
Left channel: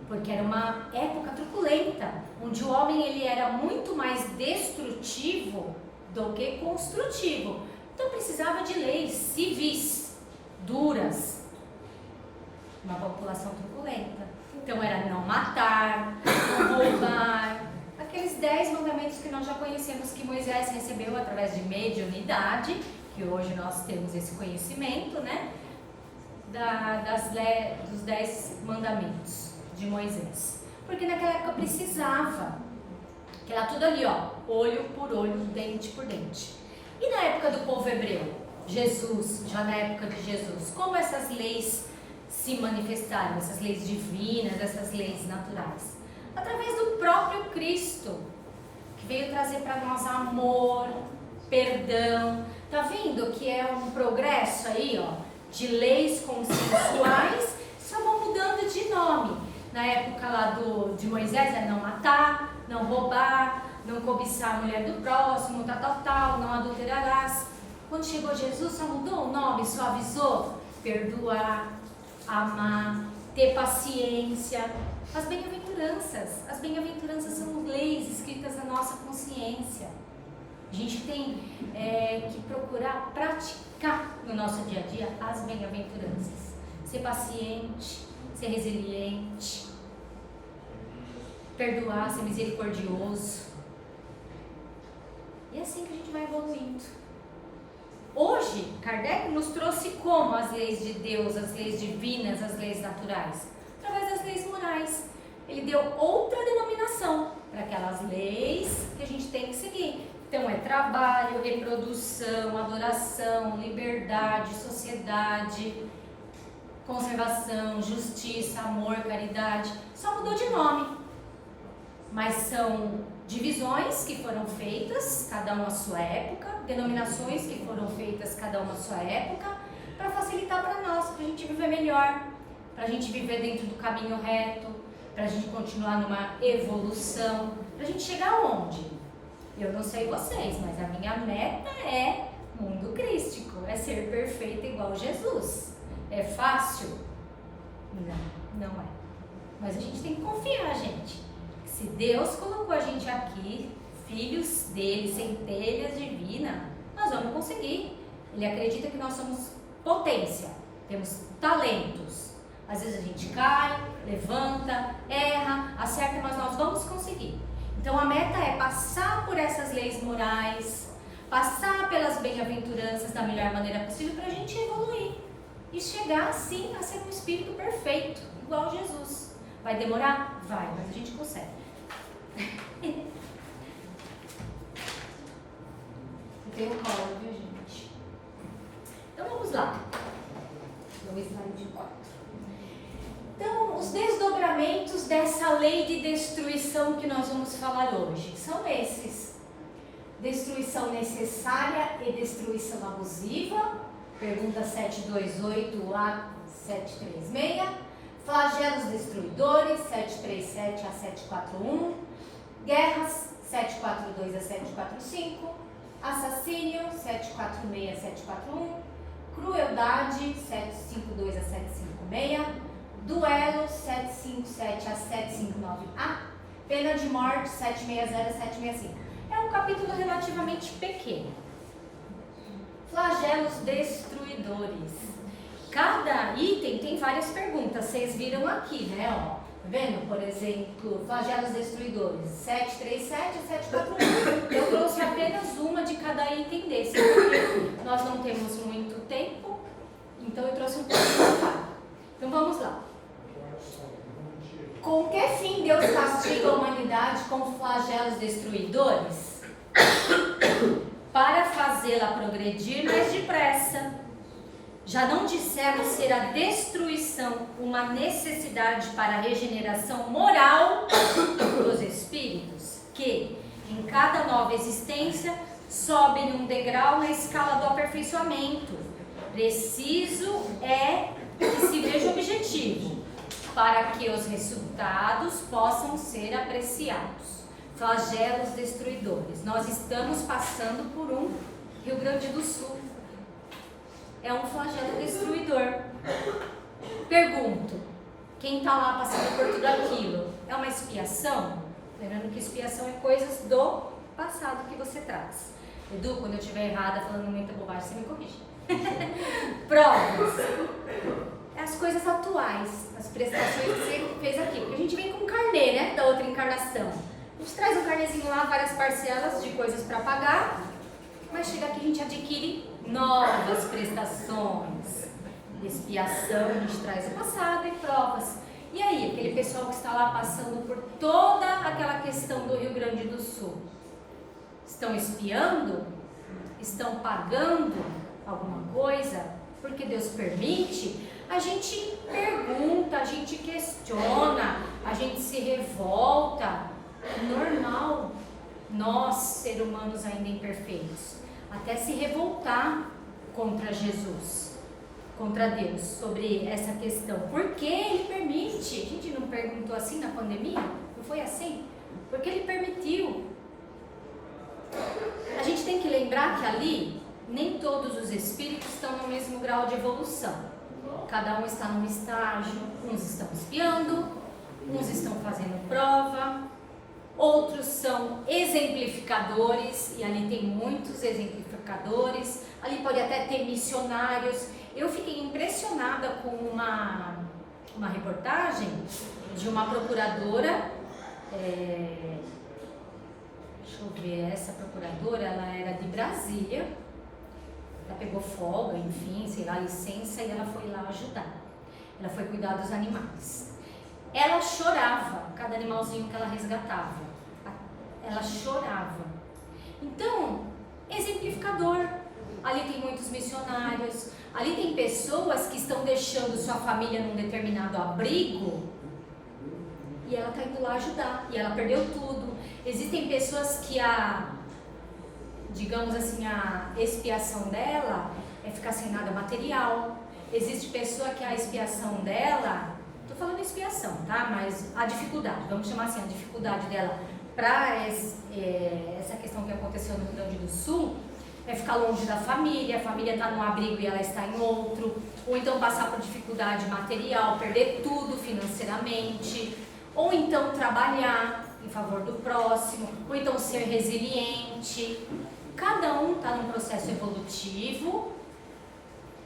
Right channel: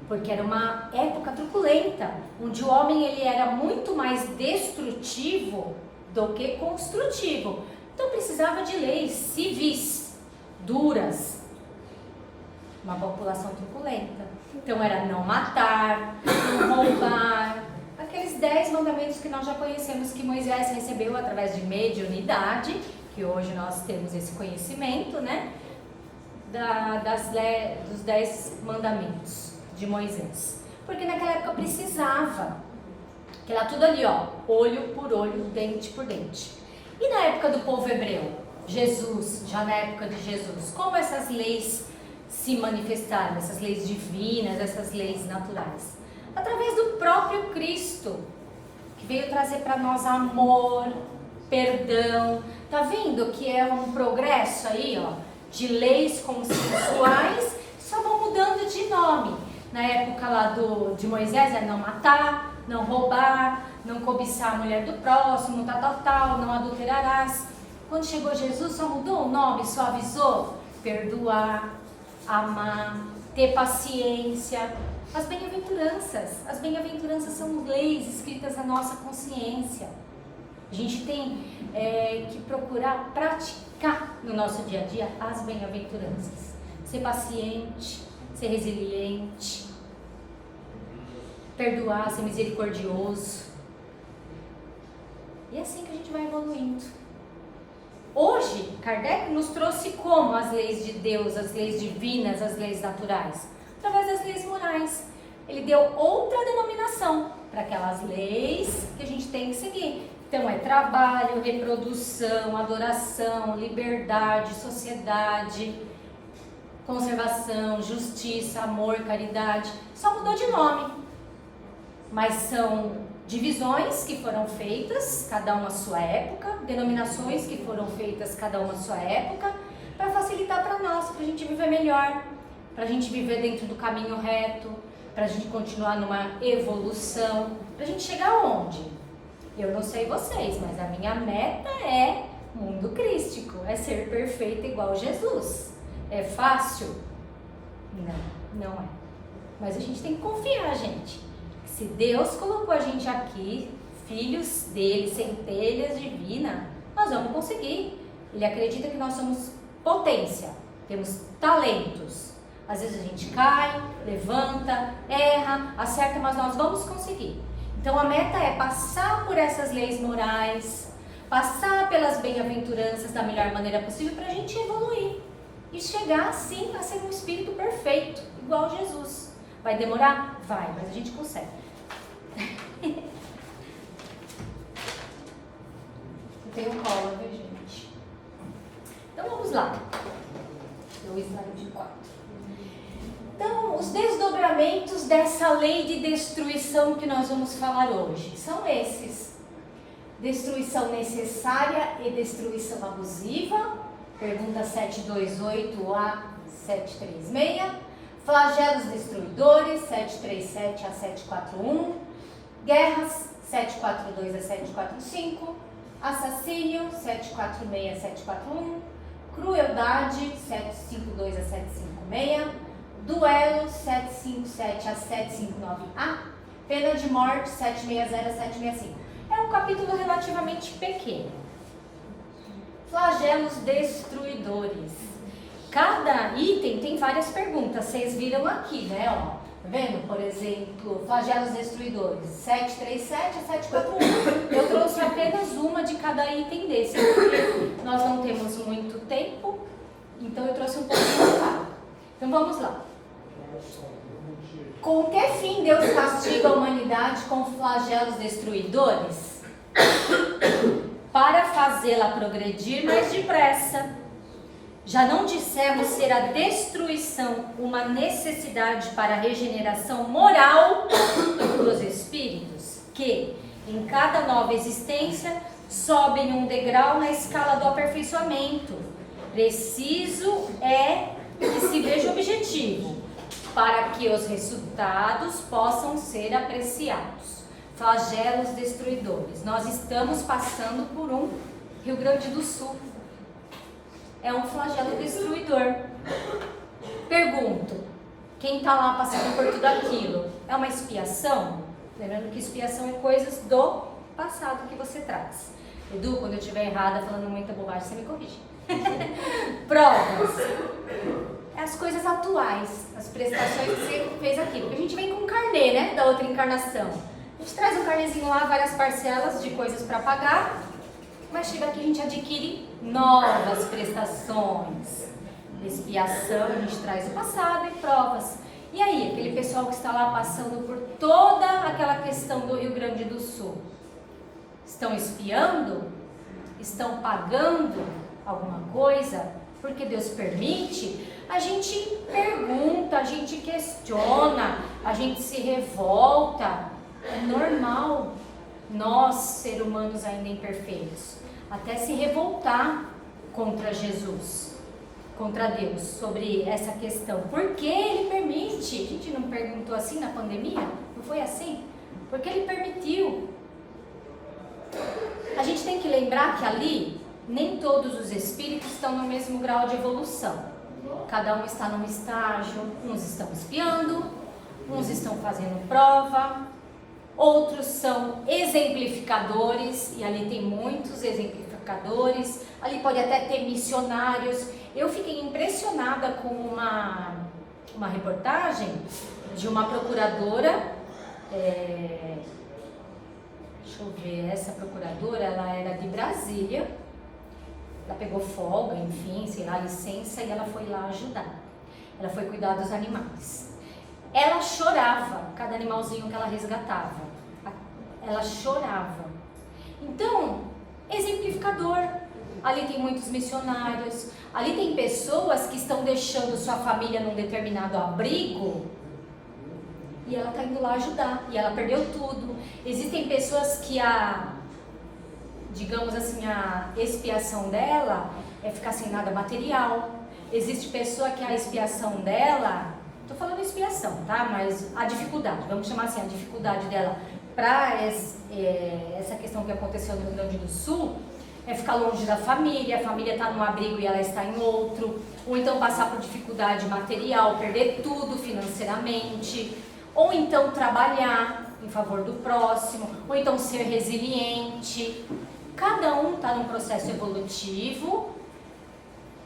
porque era uma época truculenta, onde o homem ele era muito mais destrutivo do que construtivo. Então precisava de leis civis, duras, uma população truculenta. Então era não matar, não roubar, aqueles 10 mandamentos que nós já conhecemos que Moisés recebeu através de mediunidade, que hoje nós temos esse conhecimento, né? Dos 10 mandamentos de Moisés. Porque naquela época precisava, que era tudo ali, ó, olho por olho, dente por dente. E na época do povo hebreu, Jesus, já na época de Jesus, como essas leis se manifestaram, essas leis divinas, essas leis naturais? Através do próprio Cristo, que veio trazer para nós amor, perdão. Tá vendo que é um progresso aí, ó, de leis consensuais, só vão mudando de nome. Na época lá de Moisés é não matar, não roubar, não cobiçar a mulher do próximo, tal, não adulterarás. Quando chegou Jesus, só mudou o nome, só avisou perdoar, amar, ter paciência. As bem-aventuranças são leis escritas na nossa consciência. A gente tem que procurar praticar no nosso dia a dia as bem-aventuranças. Ser paciente, ser resiliente, perdoar, ser misericordioso. E é assim que a gente vai evoluindo. Hoje, Kardec nos trouxe como as leis de Deus, as leis divinas, as leis naturais? Através das leis morais. Ele deu outra denominação para aquelas leis que a gente tem que seguir. Então é trabalho, reprodução, adoração, liberdade, sociedade, conservação, justiça, amor, caridade. Só mudou de nome. Mas são divisões que foram feitas, cada uma à sua época, denominações que foram feitas, cada uma à sua época, para facilitar para nós, para a gente viver melhor, para a gente viver dentro do caminho reto, para a gente continuar numa evolução, para a gente chegar aonde? Eu não sei vocês, mas a minha meta é mundo crístico, é ser perfeita igual Jesus. É fácil? Não, não é. Mas a gente tem que confiar, gente. Se Deus colocou a gente aqui, filhos dele, centelhas divinas, nós vamos conseguir. Ele acredita que nós somos potência, temos talentos. Às vezes a gente cai, levanta, erra, acerta, mas nós vamos conseguir. Então a meta é passar por essas leis morais, passar pelas bem-aventuranças da melhor maneira possível para a gente evoluir e chegar assim a ser um espírito perfeito, igual Jesus. Vai demorar? Vai, mas a gente consegue. Eu tenho colo, viu, gente? Então vamos lá. No slide 4. Então, os desdobramentos dessa lei de destruição que nós vamos falar hoje são esses: destruição necessária e destruição abusiva, pergunta 728 a 736, flagelos destruidores, 737 a 741, guerras, 742 a 745, assassínio, 746 a 741, crueldade, 752 a 756, duelo, 757 a 759A, pena de morte, 760 a 765. É um capítulo relativamente pequeno. Flagelos destruidores. Cada item tem várias perguntas, vocês viram aqui, né? Ó, tá vendo? Por exemplo, flagelos destruidores, 737 a 741. Eu trouxe apenas uma de cada item desse, porque nós não temos muito tempo, então eu trouxe um pouquinho de cada. Então vamos lá. Com que fim Deus castiga a humanidade com flagelos destruidores? Para fazê-la progredir mais depressa. Já não dissemos ser a destruição uma necessidade para a regeneração moral dos espíritos, que, em cada nova existência, sobem um degrau na escala do aperfeiçoamento. Preciso é que se veja o objetivo, para que os resultados possam ser apreciados. Flagelos destruidores. Nós estamos passando por um Rio Grande do Sul. É um flagelo destruidor. Pergunto, quem está lá passando por tudo aquilo, é uma expiação? Lembrando que expiação é coisas do passado que você traz. Edu, quando eu estiver errada, falando muita bobagem, você me corrige. Provas. As coisas atuais, as prestações que você fez aqui. A gente vem com um carnê, né, da outra encarnação. A gente traz um carnezinho lá, várias parcelas de coisas para pagar, mas chega aqui a gente adquire novas prestações. Expiação, a gente traz o passado e provas. E aí, aquele pessoal que está lá passando por toda aquela questão do Rio Grande do Sul, estão espiando? Estão pagando alguma coisa? Porque Deus permite? A gente pergunta, a gente questiona, a gente se revolta. É normal nós, seres humanos ainda imperfeitos, até se revoltar contra Jesus, contra Deus, sobre essa questão. Por que Ele permite? A gente não perguntou assim na pandemia? Não foi assim? Porque Ele permitiu. A gente tem que lembrar que ali, nem todos os espíritos estão no mesmo grau de evolução. cada um está num estágio, uns estão espiando, uns estão fazendo prova, outros são exemplificadores, e ali tem muitos exemplificadores, ali pode até ter missionários. Eu fiquei impressionada com uma reportagem de uma procuradora, deixa eu ver, essa procuradora, ela era de Brasília, ela pegou folga, enfim, sei lá, licença, e ela foi lá ajudar. Ela foi cuidar dos animais. Ela chorava, cada animalzinho que ela resgatava. Ela chorava. Então, exemplificador. Ali tem muitos missionários, ali tem pessoas que estão deixando sua família num determinado abrigo e ela está indo lá ajudar, e ela perdeu tudo. Existem pessoas que digamos assim, a expiação dela é ficar sem nada material. Existe pessoa que a expiação dela, tô falando expiação, tá? Mas a dificuldade, vamos chamar assim, a dificuldade dela para essa questão que aconteceu no Rio Grande do Sul é ficar longe da família, a família está num abrigo e ela está em outro, ou então passar por dificuldade material, perder tudo financeiramente, ou então trabalhar em favor do próximo, ou então ser resiliente. Cada um está num processo evolutivo,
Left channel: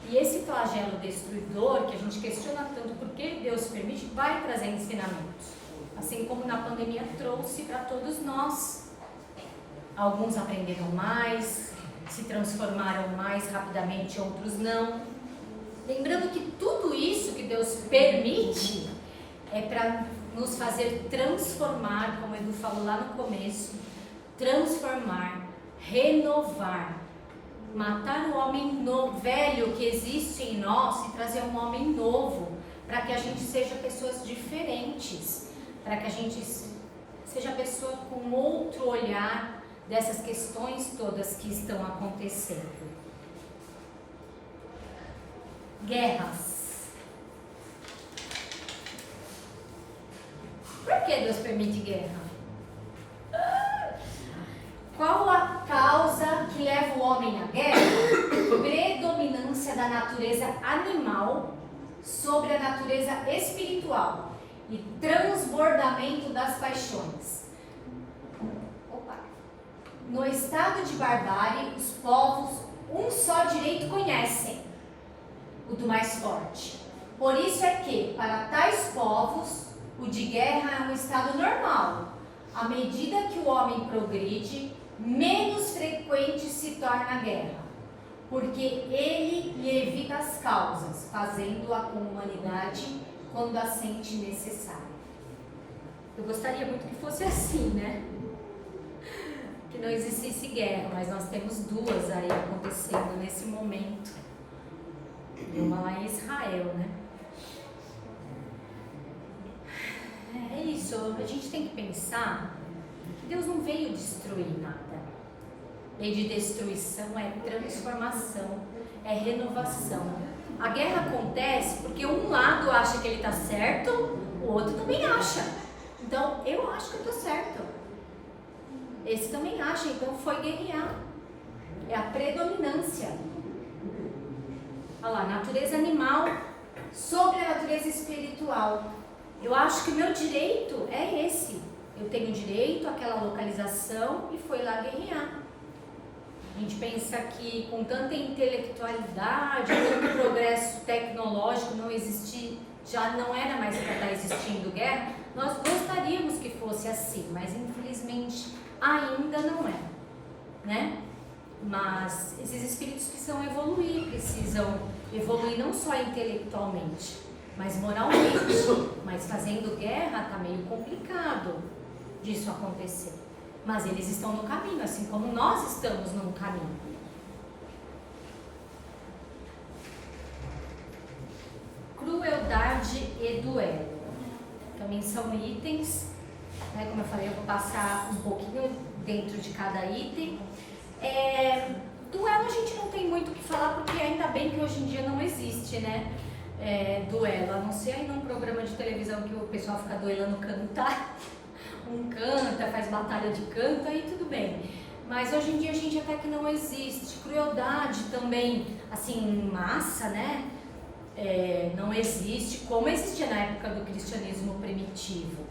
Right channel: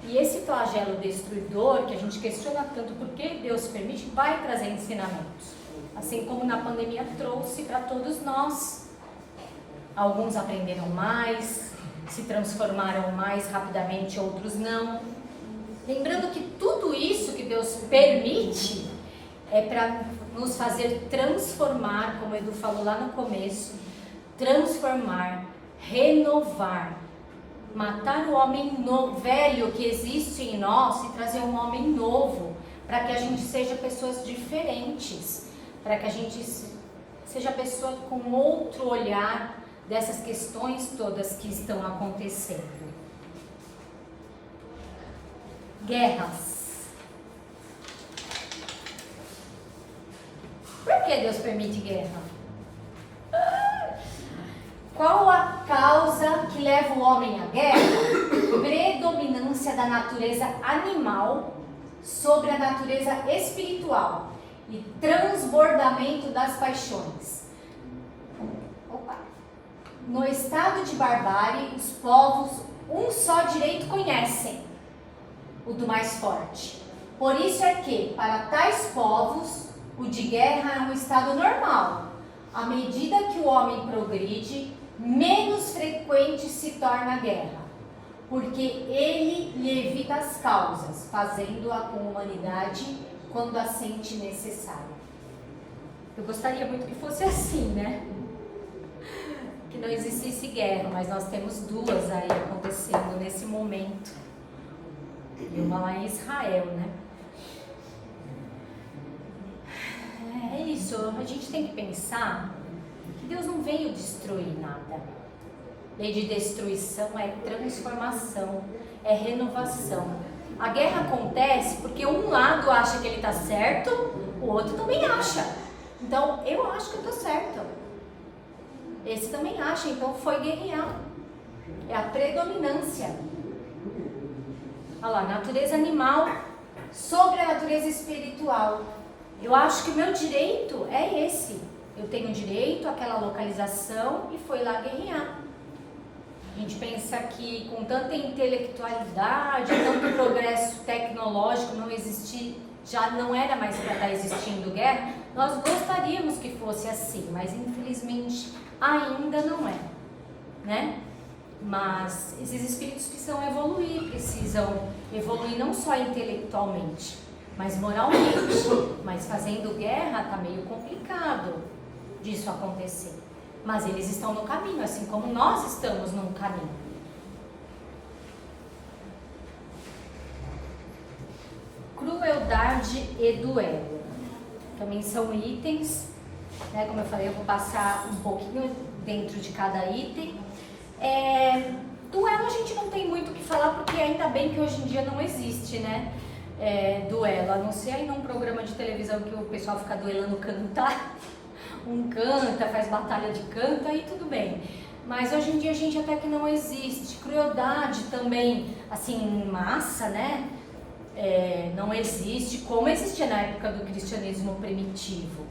e esse flagelo destruidor, que a gente questiona tanto por que Deus permite, vai trazer ensinamentos. Assim como na pandemia trouxe para todos nós. Alguns aprenderam mais, se transformaram mais rapidamente, outros não. Lembrando que tudo isso que Deus permite é para nos fazer transformar, como o Edu falou lá no começo, transformar, renovar, matar o homem velho que existe em nós e trazer um homem novo, para que a gente seja pessoas diferentes, para que a gente seja pessoa com outro olhar dessas questões todas que estão acontecendo. Guerras. Por que Deus permite guerra? Qual a causa que leva o homem à guerra? Predominância da natureza animal sobre a natureza espiritual e transbordamento das paixões. No estado de barbárie, os povos um só direito conhecem, o do mais forte. Por isso é que, para tais povos, o de guerra é um estado normal. À medida que o homem progride, menos frequente se torna a guerra, porque ele lhe evita as causas, fazendo-a com humanidade quando a sente necessária. Eu gostaria muito que fosse assim, né? Que não existisse guerra, mas nós temos duas aí acontecendo nesse momento. E uma lá em Israel, né? É isso, a gente tem que pensar que Deus não veio destruir nada. Lei de destruição é transformação, é renovação. A guerra acontece porque um lado acha que ele está certo, o outro também acha. Então, eu acho que eu estou certo. Esse também acha, então foi guerrear. É a predominância. Olha lá, natureza animal sobre a natureza espiritual. Eu acho que o meu direito é esse. Eu tenho direito àquela localização e foi lá guerrear. A gente pensa que com tanta intelectualidade, tanto progresso tecnológico não existir, já não era mais para estar existindo guerra. Nós gostaríamos que fosse assim, mas infelizmente ainda não é, né? Mas esses espíritos precisam evoluir não só intelectualmente, mas moralmente. Mas fazendo guerra está meio complicado disso acontecer. Mas eles estão no caminho, assim como nós estamos no caminho. Crueldade e duelo. Também são itens, né? Como eu falei, eu vou passar um pouquinho dentro de cada item. Duelo a gente não tem muito o que falar, porque ainda bem que hoje em dia não existe, né? Duelo, a não ser aí num programa de televisão que o pessoal fica duelando cantar. Um canta, faz batalha de canto, aí tudo bem. Mas hoje em dia a gente até que não existe. Crueldade também, assim, em massa, né? não existe, como existia na época do cristianismo primitivo.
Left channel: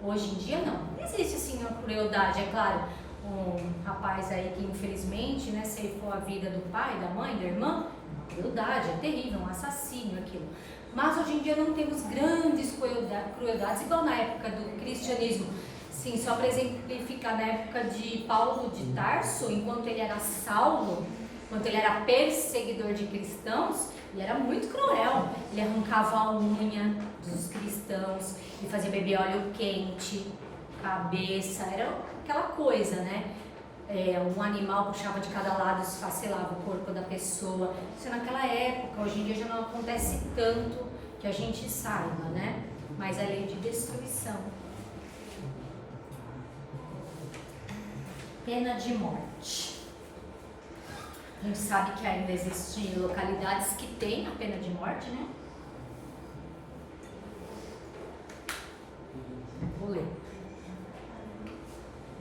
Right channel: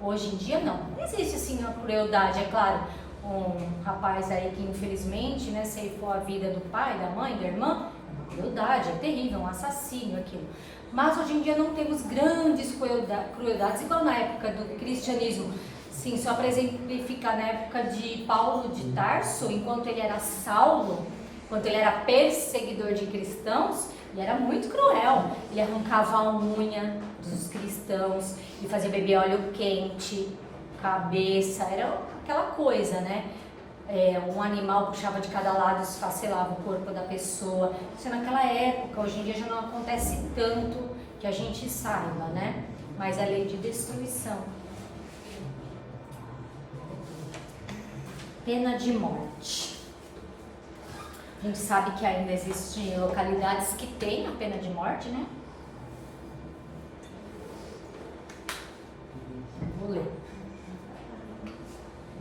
Hoje em dia não existe assim a crueldade, é claro. Um rapaz aí que infelizmente, né, ceifou a vida do pai, da mãe, da irmã, é uma crueldade, é terrível, um assassino aquilo. Mas hoje em dia não temos grandes crueldades, igual na época do cristianismo. Sim, só para exemplificar, na época de Paulo de Tarso, enquanto ele era Saulo, enquanto ele era perseguidor de cristãos, ele era muito cruel. Ele arrancava a unha dos cristãos e fazia beber óleo quente, cabeça, era aquela coisa, né? Um animal puxava de cada lado, esfacelava o corpo da pessoa. Isso é naquela época, hoje em dia já não acontece tanto que a gente saiba, né? Mas é lei de destruição. Pena de morte. A gente sabe que ainda existem localidades que têm a pena de morte, né? Vou ler.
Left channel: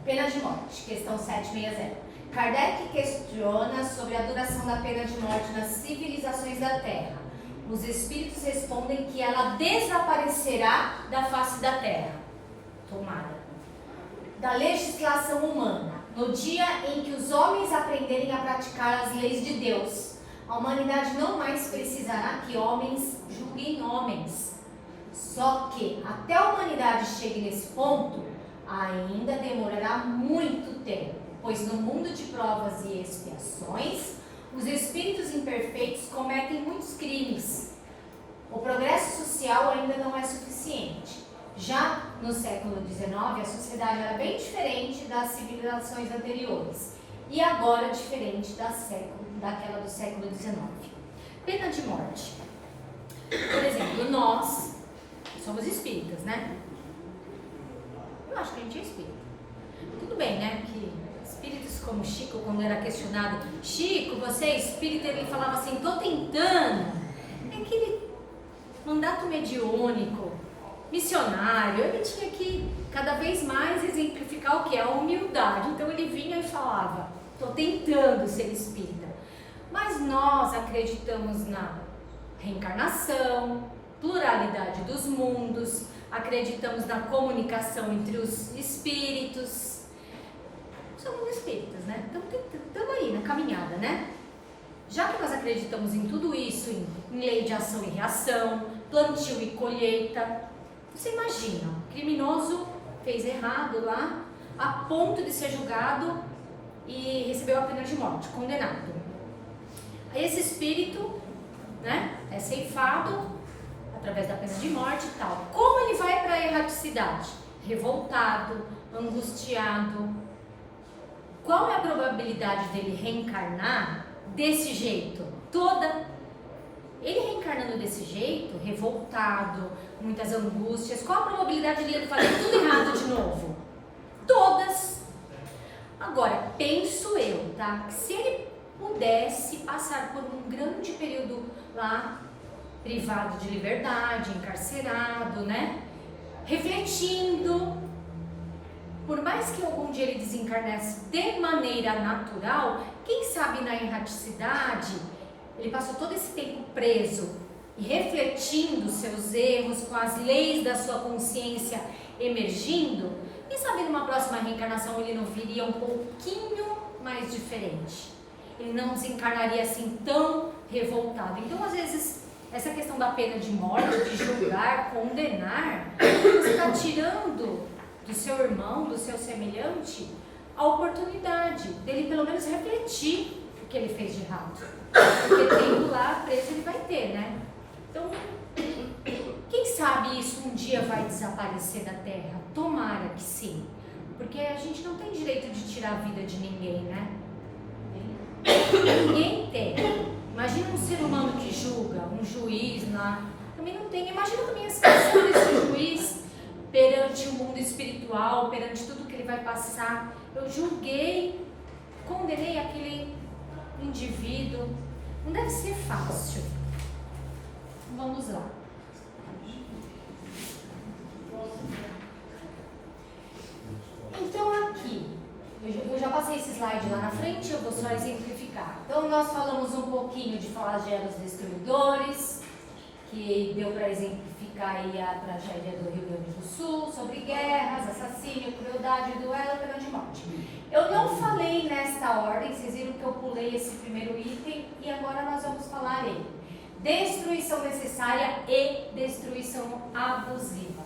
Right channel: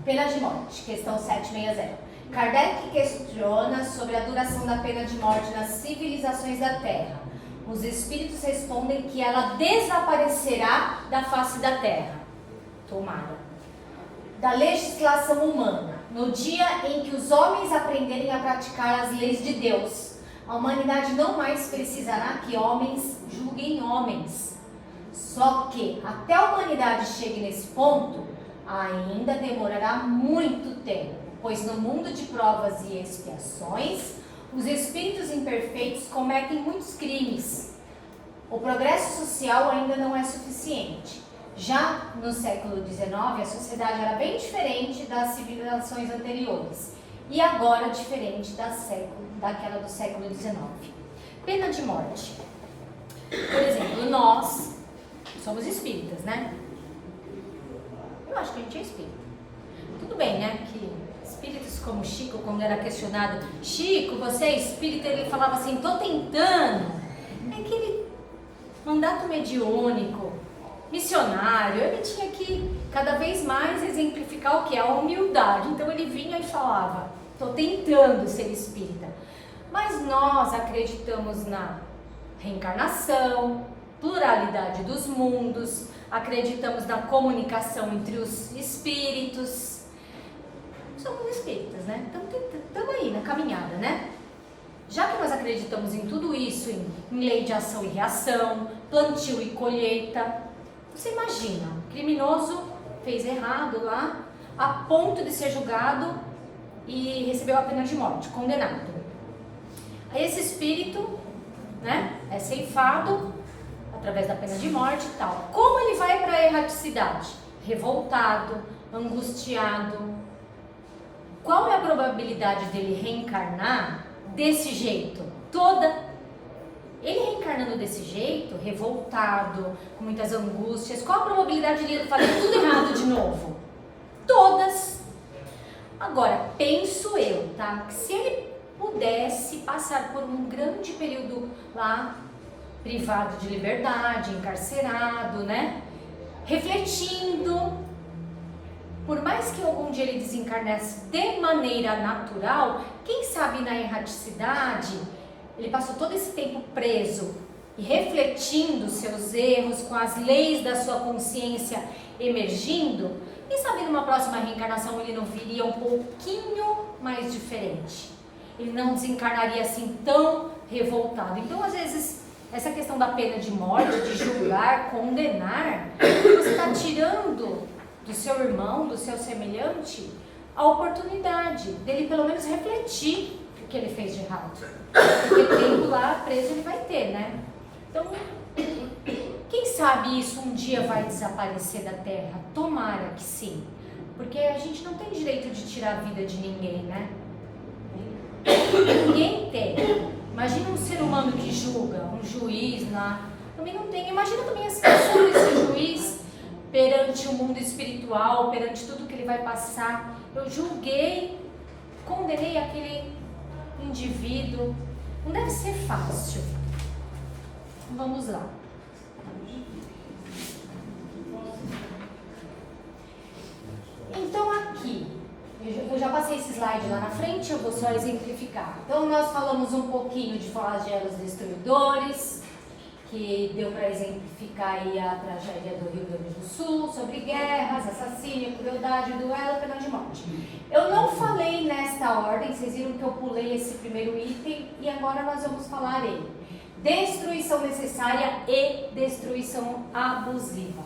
Pena de morte, questão 760. Kardec questiona sobre a duração da pena de morte nas civilizações da Terra. Os espíritos respondem que ela desaparecerá da face da Terra. Tomara. Da legislação humana. No dia em que os homens aprenderem a praticar as leis de Deus, a humanidade não mais precisará que homens julguem homens. Só que até a humanidade chegue nesse ponto, ainda demorará muito tempo, pois no mundo de provas e expiações, os espíritos imperfeitos cometem muitos crimes. O progresso social ainda não é suficiente. Já no século XIX, a sociedade era bem diferente das civilizações anteriores e agora diferente daquela do século XIX. Pena de morte. Por exemplo, nós somos espíritas, né? Eu acho que a gente é espírita. Tudo bem, né? Que espíritos como Chico, quando era questionado, Chico, você é espírita? Ele falava assim, tô tentando. É aquele mandato mediúnico, missionário, ele tinha que cada vez mais exemplificar o que é a humildade. Então ele vinha e falava, estou tentando ser espírita. Mas nós acreditamos na reencarnação, pluralidade dos mundos, acreditamos na comunicação entre os espíritos. Somos espíritas, né? Estamos aí na caminhada, né? Já que nós acreditamos em tudo isso, em lei de ação e reação, plantio e colheita, você imagina, um criminoso fez errado lá, a ponto de ser julgado e recebeu a pena de morte, condenado. Esse espírito, né, é ceifado através da pena de morte e tal. Como ele vai para a erraticidade? Revoltado, angustiado. Qual é a probabilidade dele reencarnar desse jeito? Toda. Ele reencarnando desse jeito, revoltado, com muitas angústias, qual a probabilidade de ele fazer tudo errado de novo? Todas. Agora, penso eu, tá? Se ele pudesse passar por um grande período lá, privado de liberdade, encarcerado, né? Refletindo, por mais que algum dia ele desencarnasse de maneira natural, quem sabe na erraticidade, ele passou todo esse tempo preso e refletindo seus erros, com as leis da sua consciência emergindo, quem sabe numa próxima reencarnação ele não viria um pouquinho mais diferente. Ele não desencarnaria assim tão revoltado. Então, às vezes, essa questão da pena de morte, de julgar, condenar, você está tirando do seu irmão, do seu semelhante, a oportunidade dele pelo menos refletir o que ele fez de errado. Porque tempo lá preso ele vai ter, né? Então, quem sabe isso um dia vai desaparecer da Terra? Tomara que sim. Porque a gente não tem direito de tirar a vida de ninguém, né? Ninguém tem. Imagina um ser humano que julga, um juiz lá. Também não tem. Imagina também a situação desse juiz perante o mundo espiritual, perante tudo que ele vai passar. Eu julguei, condenei aquele indivíduo. Não deve ser fácil. Vamos lá. Então aqui, eu já passei esse slide lá na frente, eu vou só exemplificar. Então nós falamos um pouquinho de flagelos destruidores, que deu para exemplificar aí a tragédia do Rio Grande do Sul, sobre guerras, assassínio, crueldade, duelo, pena de morte. Eu não falei nesta ordem, vocês viram que eu pulei esse primeiro item, e agora nós vamos falar em destruição necessária e destruição abusiva.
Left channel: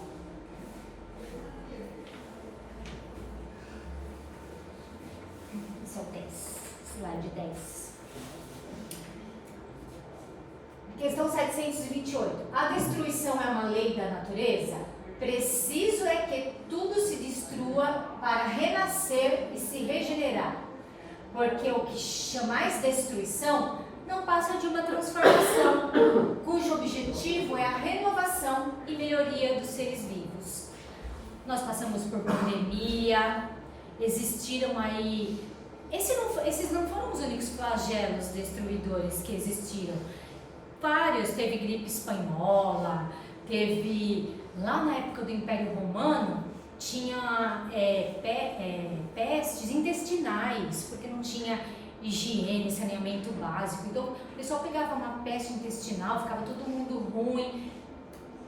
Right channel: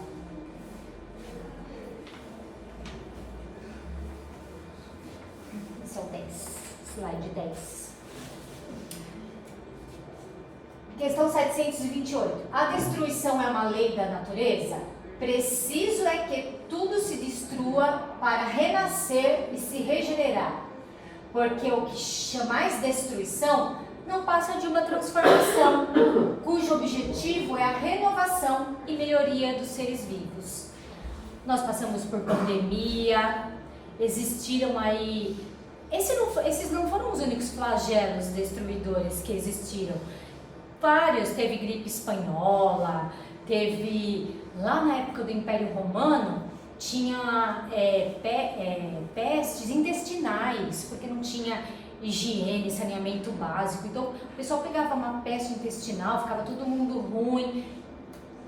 São 10, slide 10. Questão 728. A destruição é uma lei da natureza? Preciso é que tudo se destrua para renascer e se regenerar. Porque o que chamais destruição não passa de uma transformação, cujo objetivo é a renovação e melhoria dos seres vivos. Nós passamos por pandemia, existiram aí... Esses não foram os únicos flagelos destruidores que existiram. Vários, teve gripe espanhola, teve, lá na época do Império Romano, tinha pestes intestinais, porque não tinha higiene, saneamento básico. Então, o pessoal pegava uma peste intestinal, ficava todo mundo ruim.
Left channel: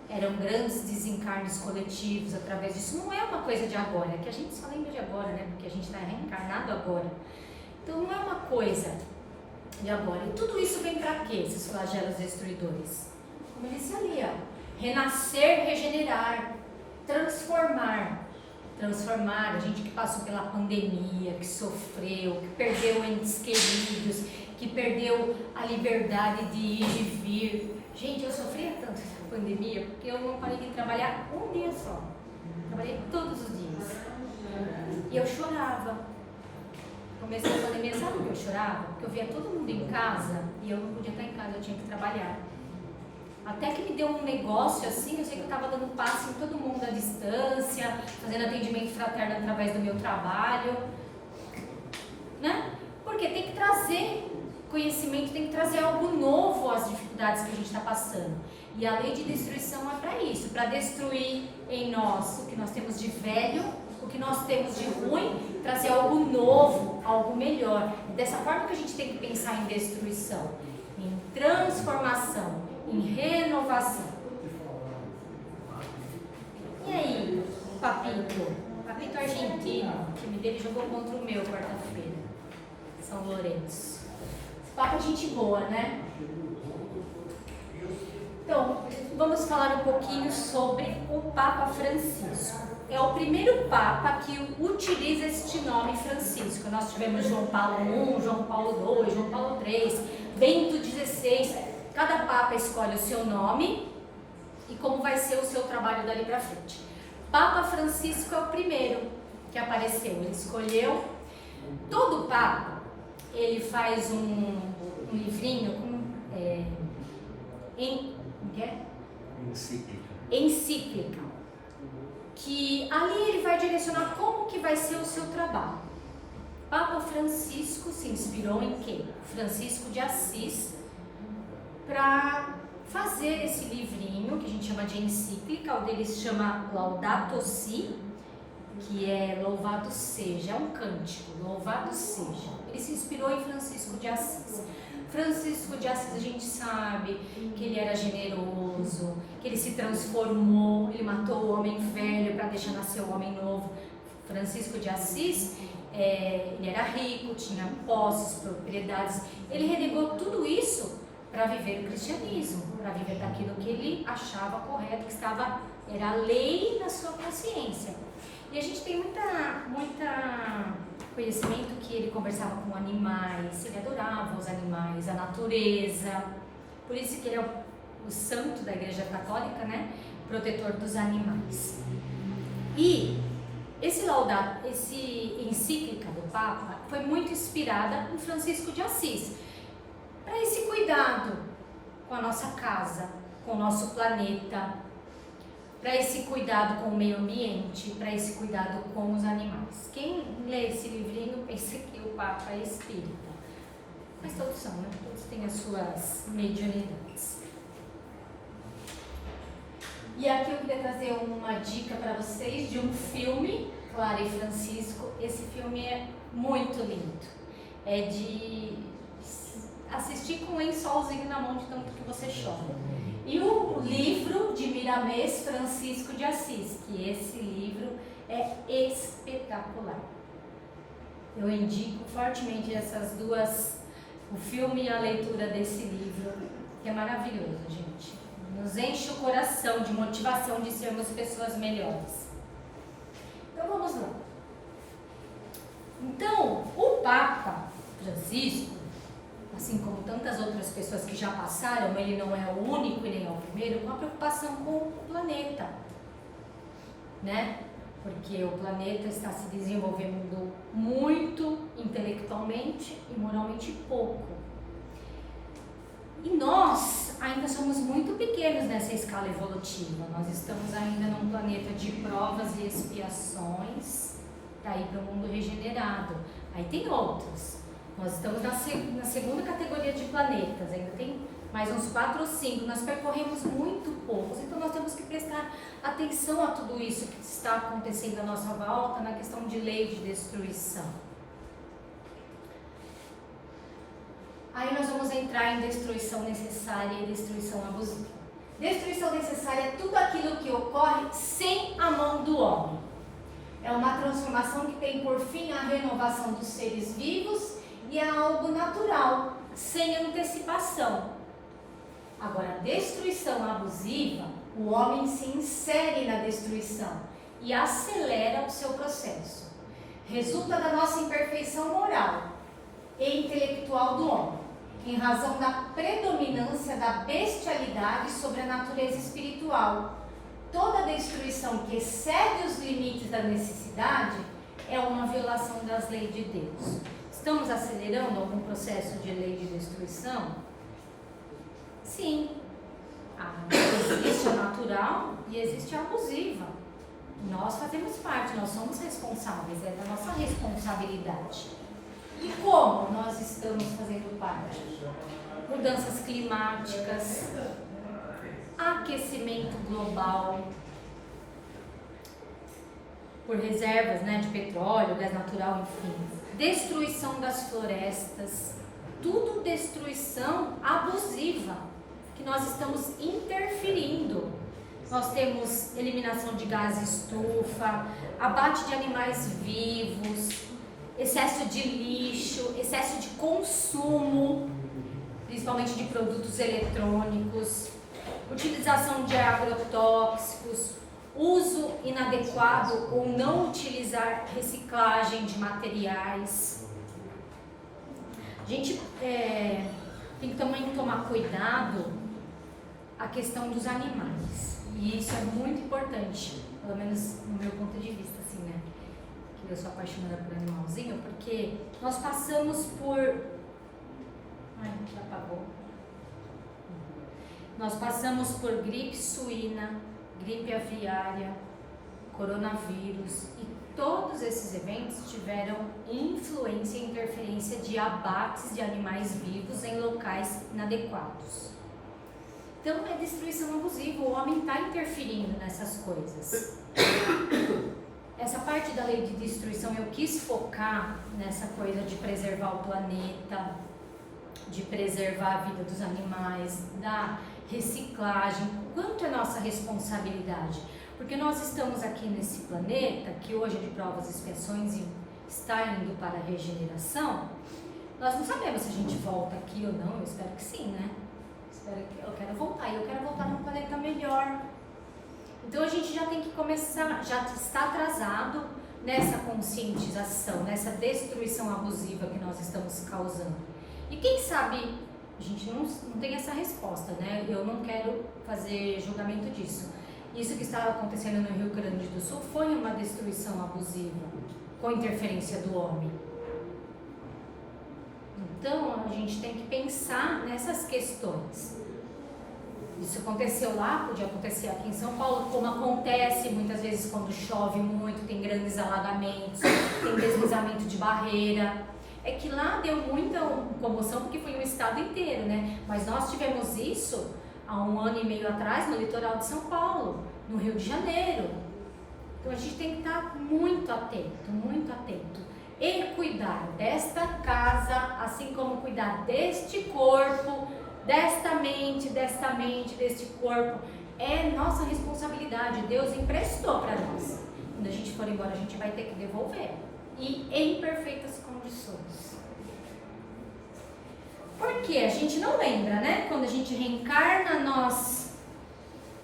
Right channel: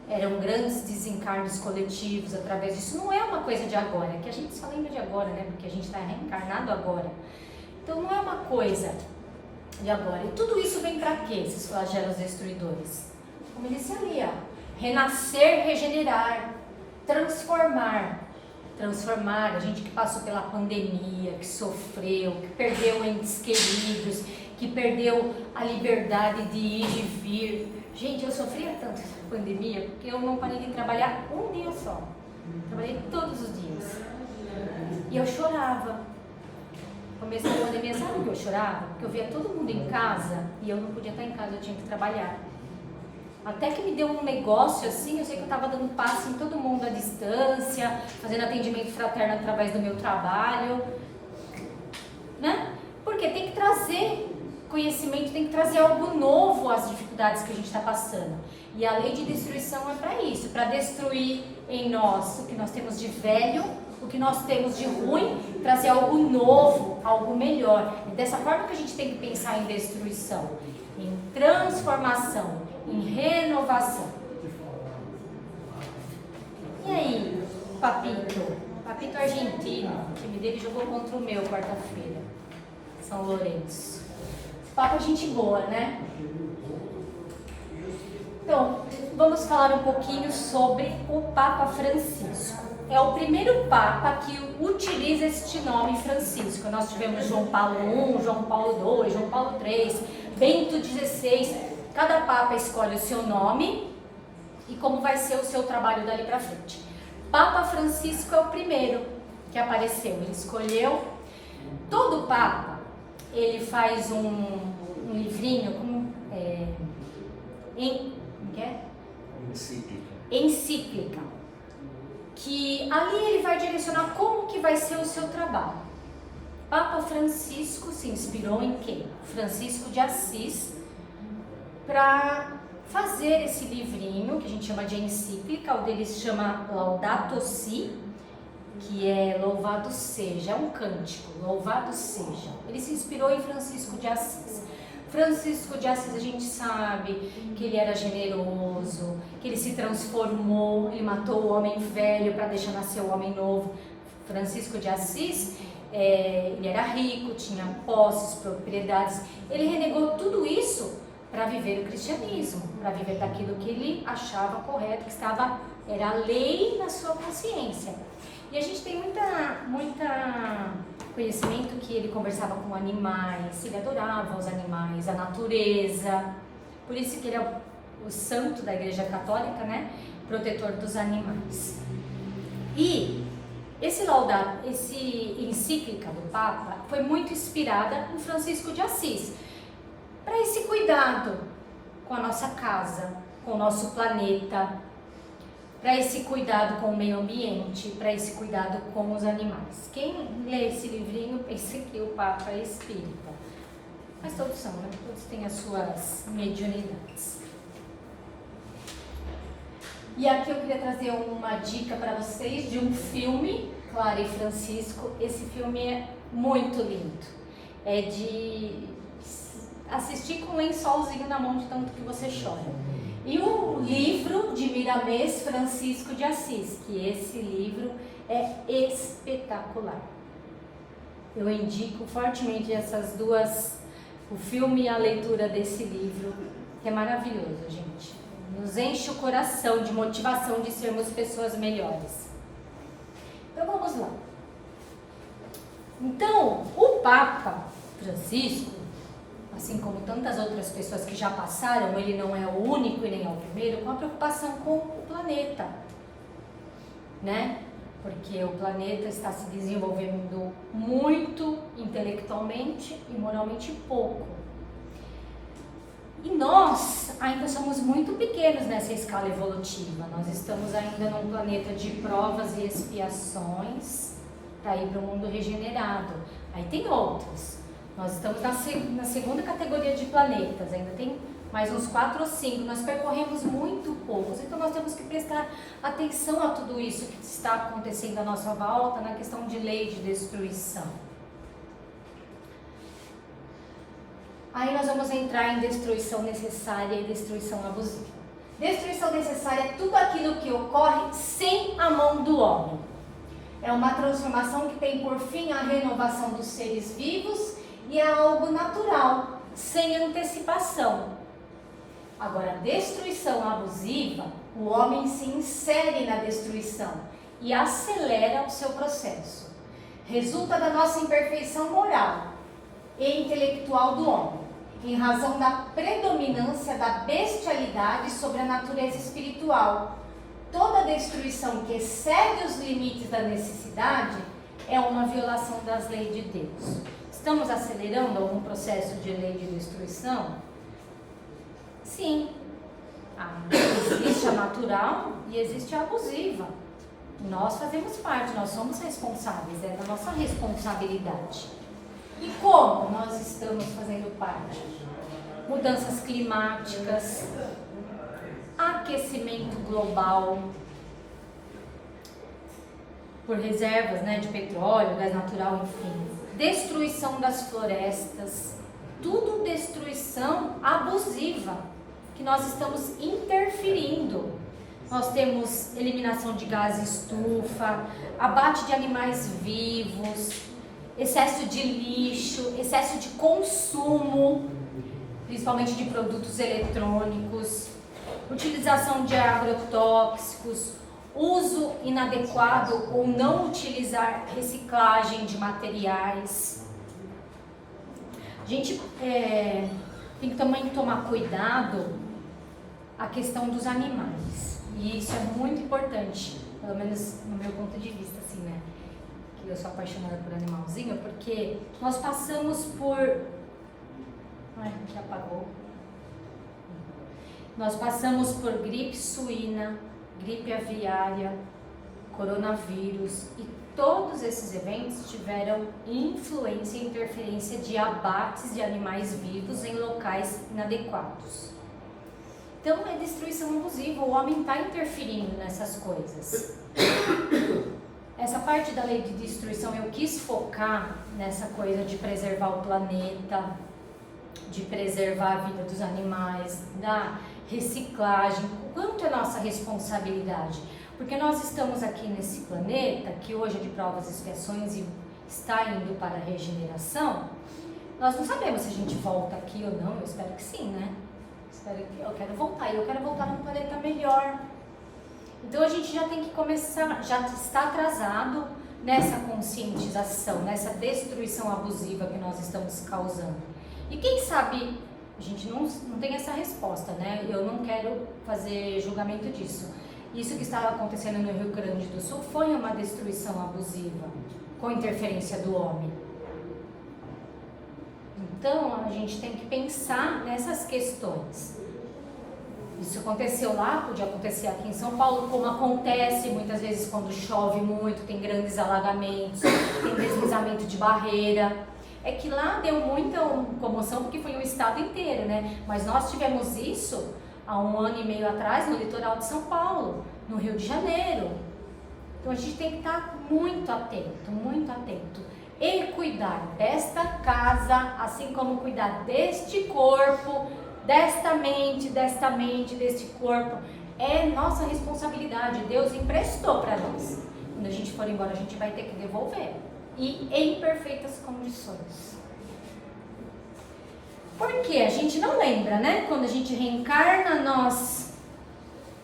Eram grandes desencarnes coletivos através disso. Não é uma coisa de agora, é que a gente só lembra de agora, né? Porque a gente está reencarnado agora. Então, não é uma coisa de agora. E tudo isso vem para quê, esses flagelos destruidores? Como eu disse ali, ó, renascer, regenerar, transformar. Transformar, a gente que passou pela pandemia, que sofreu, que perdeu entes queridos, que perdeu a liberdade de ir e vir. Gente, eu sofria tanto essa pandemia porque eu não parei de trabalhar um dia só. Trabalhei todos os dias. E eu chorava. No começo da pandemia, sabe o que eu chorava? Porque eu via todo mundo em casa e eu não podia estar em casa, eu tinha que trabalhar. Até que me deu um negócio assim, eu sei que eu estava dando passo em todo mundo à distância, fazendo atendimento fraterno através do meu trabalho, né? Porque tem que trazer conhecimento, tem que trazer algo novo às dificuldades que a gente está passando. E a lei de destruição é para isso, para destruir em nós o que nós temos de velho, o que nós temos de ruim, trazer algo novo, algo melhor. E dessa forma que a gente tem que pensar em destruição, em transformação, em renovação. E aí, Papito? Papito argentino, o time dele jogou contra o meu quarta-feira, São Lourenço. Papa gente boa, né? Então, vamos falar um pouquinho sobre o Papa Francisco. É o primeiro Papa que utiliza este nome Francisco. Nós tivemos João Paulo I, João Paulo II, João Paulo III, Bento XVI. Cada Papa escolhe o seu nome e como vai ser o seu trabalho dali para frente. Papa Francisco é o primeiro que apareceu. Ele escolheu. Todo Papa, ele faz um livrinho encíclica, que ali ele vai direcionar como que vai ser o seu trabalho. Papa Francisco se inspirou em quem? Francisco de Assis, para fazer esse livrinho, que a gente chama de encíclica. O dele se chama Laudato Si, que é louvado seja, é um cântico, louvado seja. Ele se inspirou em Francisco de Assis. Francisco de Assis, a gente sabe que ele era generoso, que ele se transformou, ele matou o homem velho para deixar nascer o homem novo. Francisco de Assis, ele era rico, tinha posses, propriedades. Ele renegou tudo isso para viver o cristianismo, para viver daquilo que ele achava correto, que era a lei na sua consciência. E a gente tem muita conhecimento que ele conversava com animais, ele adorava os animais, a natureza. Por isso que ele é o santo da Igreja Católica, né? Protetor dos animais. E esse encíclica do Papa foi muito inspirada em Francisco de Assis, para esse cuidado com a nossa casa, com o nosso planeta, para esse cuidado com o meio ambiente, para esse cuidado com os animais. Quem lê esse livrinho pensa que o Papa é espírita, mas todos são, né? Todos têm as suas mediunidades. E aqui eu queria trazer uma dica para vocês de um filme, Clara e Francisco. Esse filme é muito lindo, é de assistir com um lençolzinho na mão de tanto que você chora. E o livro de Miramês Francisco de Assis, que esse livro é espetacular. Eu indico fortemente essas duas, o filme e a leitura desse livro, que é maravilhoso, gente. Nos enche o coração de motivação de sermos pessoas melhores. Então vamos lá. Então, o Papa Francisco, assim como tantas outras pessoas que já passaram, ele não é o único e nem é o primeiro, com a preocupação com o planeta, né? Porque o planeta está se desenvolvendo muito intelectualmente e moralmente pouco. E nós ainda somos muito pequenos nessa escala evolutiva. Nós estamos ainda num planeta de provas e expiações para ir para o mundo regenerado. Aí tem outros. Nós estamos na segunda categoria de planetas, ainda tem mais uns 4 ou 5. Nós percorremos muito poucos, então nós temos que prestar atenção a tudo isso que está acontecendo à nossa volta na questão de lei de destruição. Aí nós vamos entrar em destruição necessária e destruição abusiva. Destruição necessária é tudo aquilo que ocorre sem a mão do homem. É uma transformação que tem por fim a renovação dos seres vivos e é algo natural, sem antecipação. Agora, a destruição abusiva, o homem se insere na destruição e acelera o seu processo. Resulta da nossa imperfeição moral e intelectual do homem, em razão da predominância da bestialidade sobre a natureza espiritual. Toda destruição que excede os limites da necessidade é uma violação das leis de Deus. Estamos acelerando algum processo de lei de destruição? Sim. Existe a natural e existe a abusiva. Nós fazemos parte, nós somos responsáveis, é da nossa responsabilidade. E como nós estamos fazendo parte? Mudanças climáticas, aquecimento global, por reservas, né, de petróleo, gás natural, enfim. Destruição das florestas, tudo destruição abusiva, que nós estamos interferindo. Nós temos eliminação de gás estufa, abate de animais vivos, excesso de lixo, excesso de consumo, principalmente de produtos eletrônicos, utilização de agrotóxicos, uso inadequado ou não utilizar reciclagem de materiais. A gente tem que também tomar cuidado a questão dos animais. E isso é muito importante, pelo menos no meu ponto de vista, assim, né? Que eu sou apaixonada por animalzinho, porque nós passamos por... Ai, já apagou. Nós passamos por gripe suína, gripe aviária, coronavírus, e todos esses eventos tiveram influência e interferência de abates de animais vivos em locais inadequados. Então é destruição abusiva, o homem está interferindo nessas coisas. Essa parte da lei de destruição eu quis focar nessa coisa de preservar o planeta, de preservar a vida dos animais, da reciclagem, quanto é nossa responsabilidade. Porque nós estamos aqui nesse planeta, que hoje é de provas e expiações e está indo para a regeneração, nós não sabemos se a gente volta aqui ou não, eu espero que sim, né? Eu quero voltar, e eu quero voltar num planeta melhor. Então a gente já tem que começar, já está atrasado nessa conscientização, nessa destruição abusiva que nós estamos causando. E quem sabe, a gente não tem essa resposta, né? Eu não quero fazer julgamento disso. Isso que estava acontecendo no Rio Grande do Sul foi uma destruição abusiva, com interferência do homem. Então, a gente tem que pensar nessas questões. Isso aconteceu lá, podia acontecer aqui em São Paulo, como acontece muitas vezes quando chove muito, tem grandes alagamentos, tem deslizamento de barreira. É que lá deu muita comoção porque foi o estado inteiro, né? Mas nós tivemos isso há 1 ano e meio atrás no litoral de São Paulo, no Rio de Janeiro. Então a gente tem que estar muito atento e cuidar desta casa, assim como cuidar deste corpo, desta mente, deste corpo. É nossa responsabilidade. Deus emprestou para nós. Quando a gente for embora, a gente vai ter que devolver. E em perfeitas condições. Porque a gente não lembra, né? Quando a gente reencarna, nós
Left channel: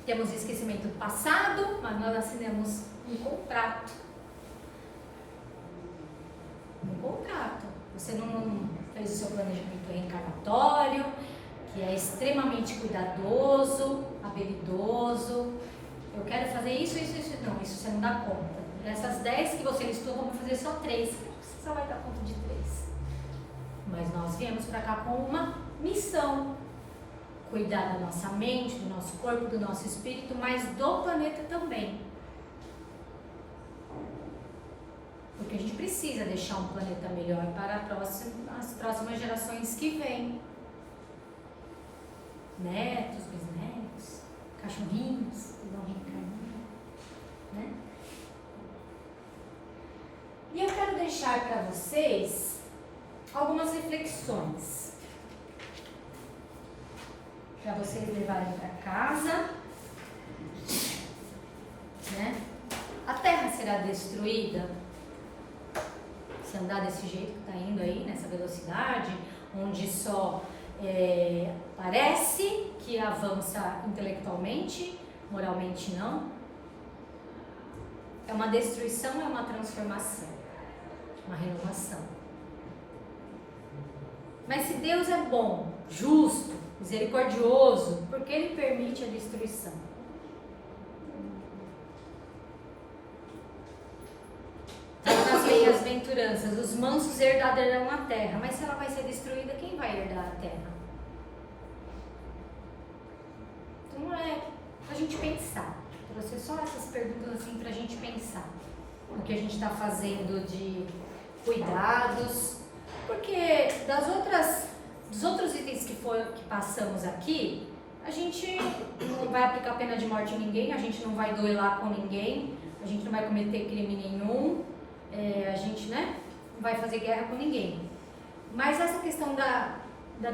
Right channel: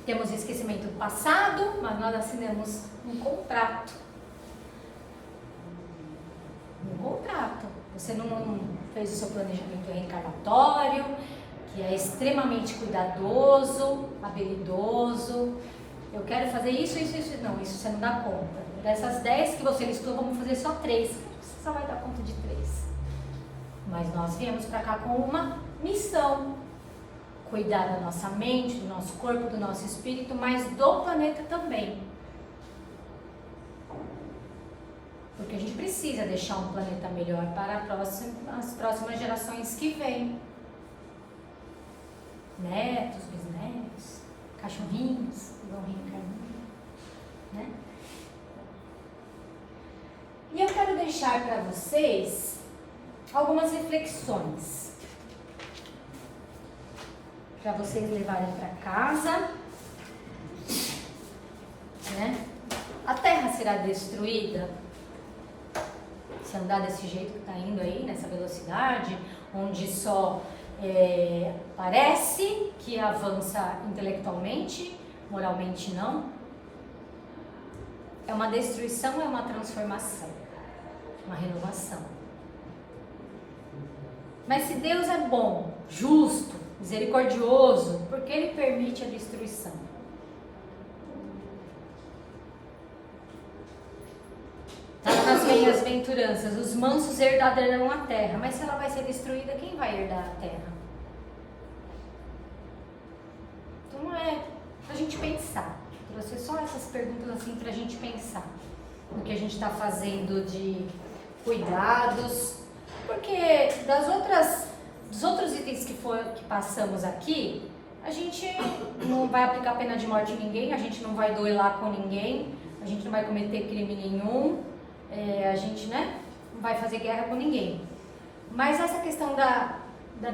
temos esquecimento do passado, mas nós assinamos um contrato. Um contrato. Você não fez o seu planejamento reencarnatório, que é extremamente cuidadoso, habilidoso. Eu quero fazer isso. Não, isso você não dá conta. Dessas 10 que você listou, vamos fazer só 3. Você só vai dar conta de 3. Mas nós viemos para cá com uma missão. Cuidar da nossa mente, do nosso corpo, do nosso espírito, mas do planeta também. Porque a gente precisa deixar um planeta melhor para as próximas gerações que vêm. Netos, bisnetos, cachorrinhos que vão reencarnar, né? E eu quero deixar para vocês algumas reflexões para vocês levarem para casa, né? A Terra será destruída se andar desse jeito que está indo aí, nessa velocidade, onde só parece que avança intelectualmente, moralmente não. É uma destruição, é uma transformação, uma renovação. Mas se Deus é bom, justo, misericordioso, por que Ele permite a destruição? Está nas bem-aventuranças, os mansos herdarão a terra. Mas se ela vai ser destruída, quem vai herdar a terra? Então é pra gente pensar. Trouxe só essas perguntas assim pra gente pensar no que a gente está fazendo de cuidados, porque dos outros itens que passamos aqui, a gente não vai aplicar pena de morte em ninguém, a gente não vai duelar com ninguém, a gente não vai cometer crime nenhum, a gente, né, não vai fazer guerra com ninguém. Mas essa questão da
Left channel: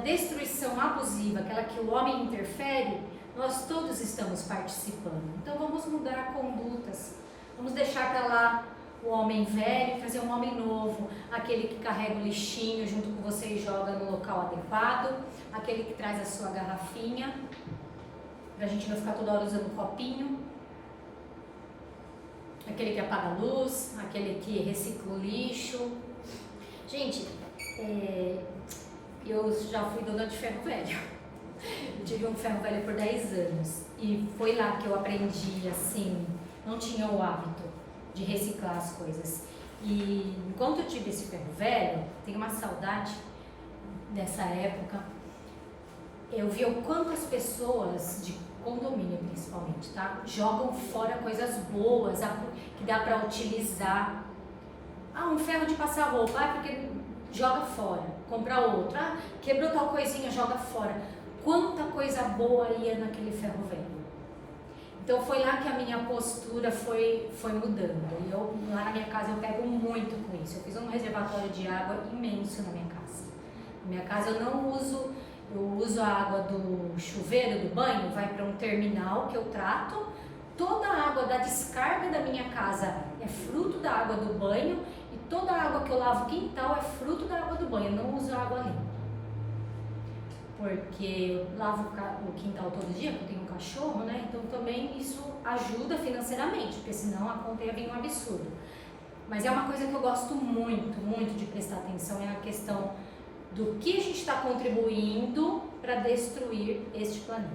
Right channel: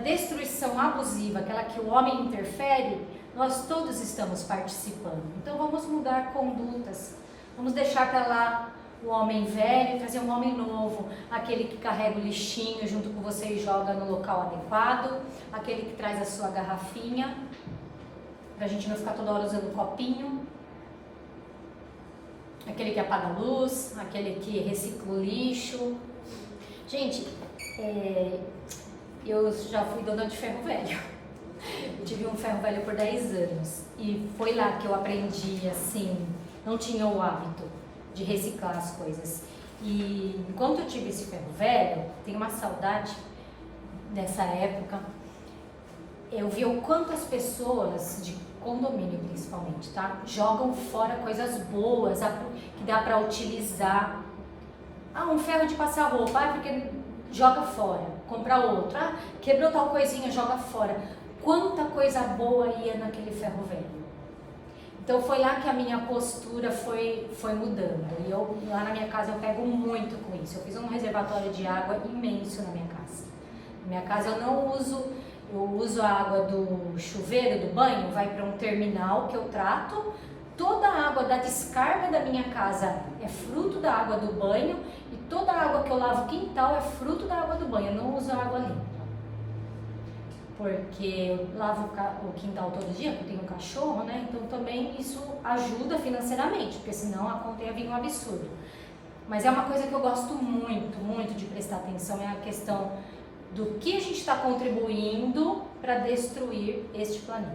destruição abusiva, aquela que o homem interfere, nós todos estamos participando. Então vamos mudar condutas, vamos deixar para lá o homem velho e trazer um homem novo, aquele que carrega o lixinho junto com você e joga no local adequado, aquele que traz a sua garrafinha, para a gente não ficar toda hora usando copinho, aquele que apaga a luz, aquele que recicla o lixo. Gente, eu já fui dona de ferro velho. Eu tive um ferro velho por 10 anos e foi lá que eu aprendi, assim, não tinha o hábito de reciclar as coisas. E enquanto eu tive esse ferro velho, tenho uma saudade dessa época. Eu vi o quanto as pessoas de condomínio, principalmente, tá, jogam fora coisas boas que dá para utilizar. Um ferro de passar roupa, porque joga fora, compra outro. Quebrou tal coisinha, joga fora. Quanta coisa boa ia naquele ferro velho. Então foi lá que a minha postura foi mudando. E lá na minha casa eu pego muito com isso. Eu fiz um reservatório de água imenso na minha casa. Na minha casa eu uso a água do chuveiro, do banho, vai para um terminal que eu trato. Toda a água da descarga da minha casa é fruto da água do banho e toda a água que eu lavo o quintal é fruto da água do banho. Eu não uso água limpa. Porque eu lavo o quintal todo dia, porque eu tenho um cachorro, né? Então também isso ajuda financeiramente, porque senão a conta ia vir um absurdo. Mas é uma coisa que eu gosto muito, muito de prestar atenção, é a questão do que a gente está contribuindo para destruir este planeta.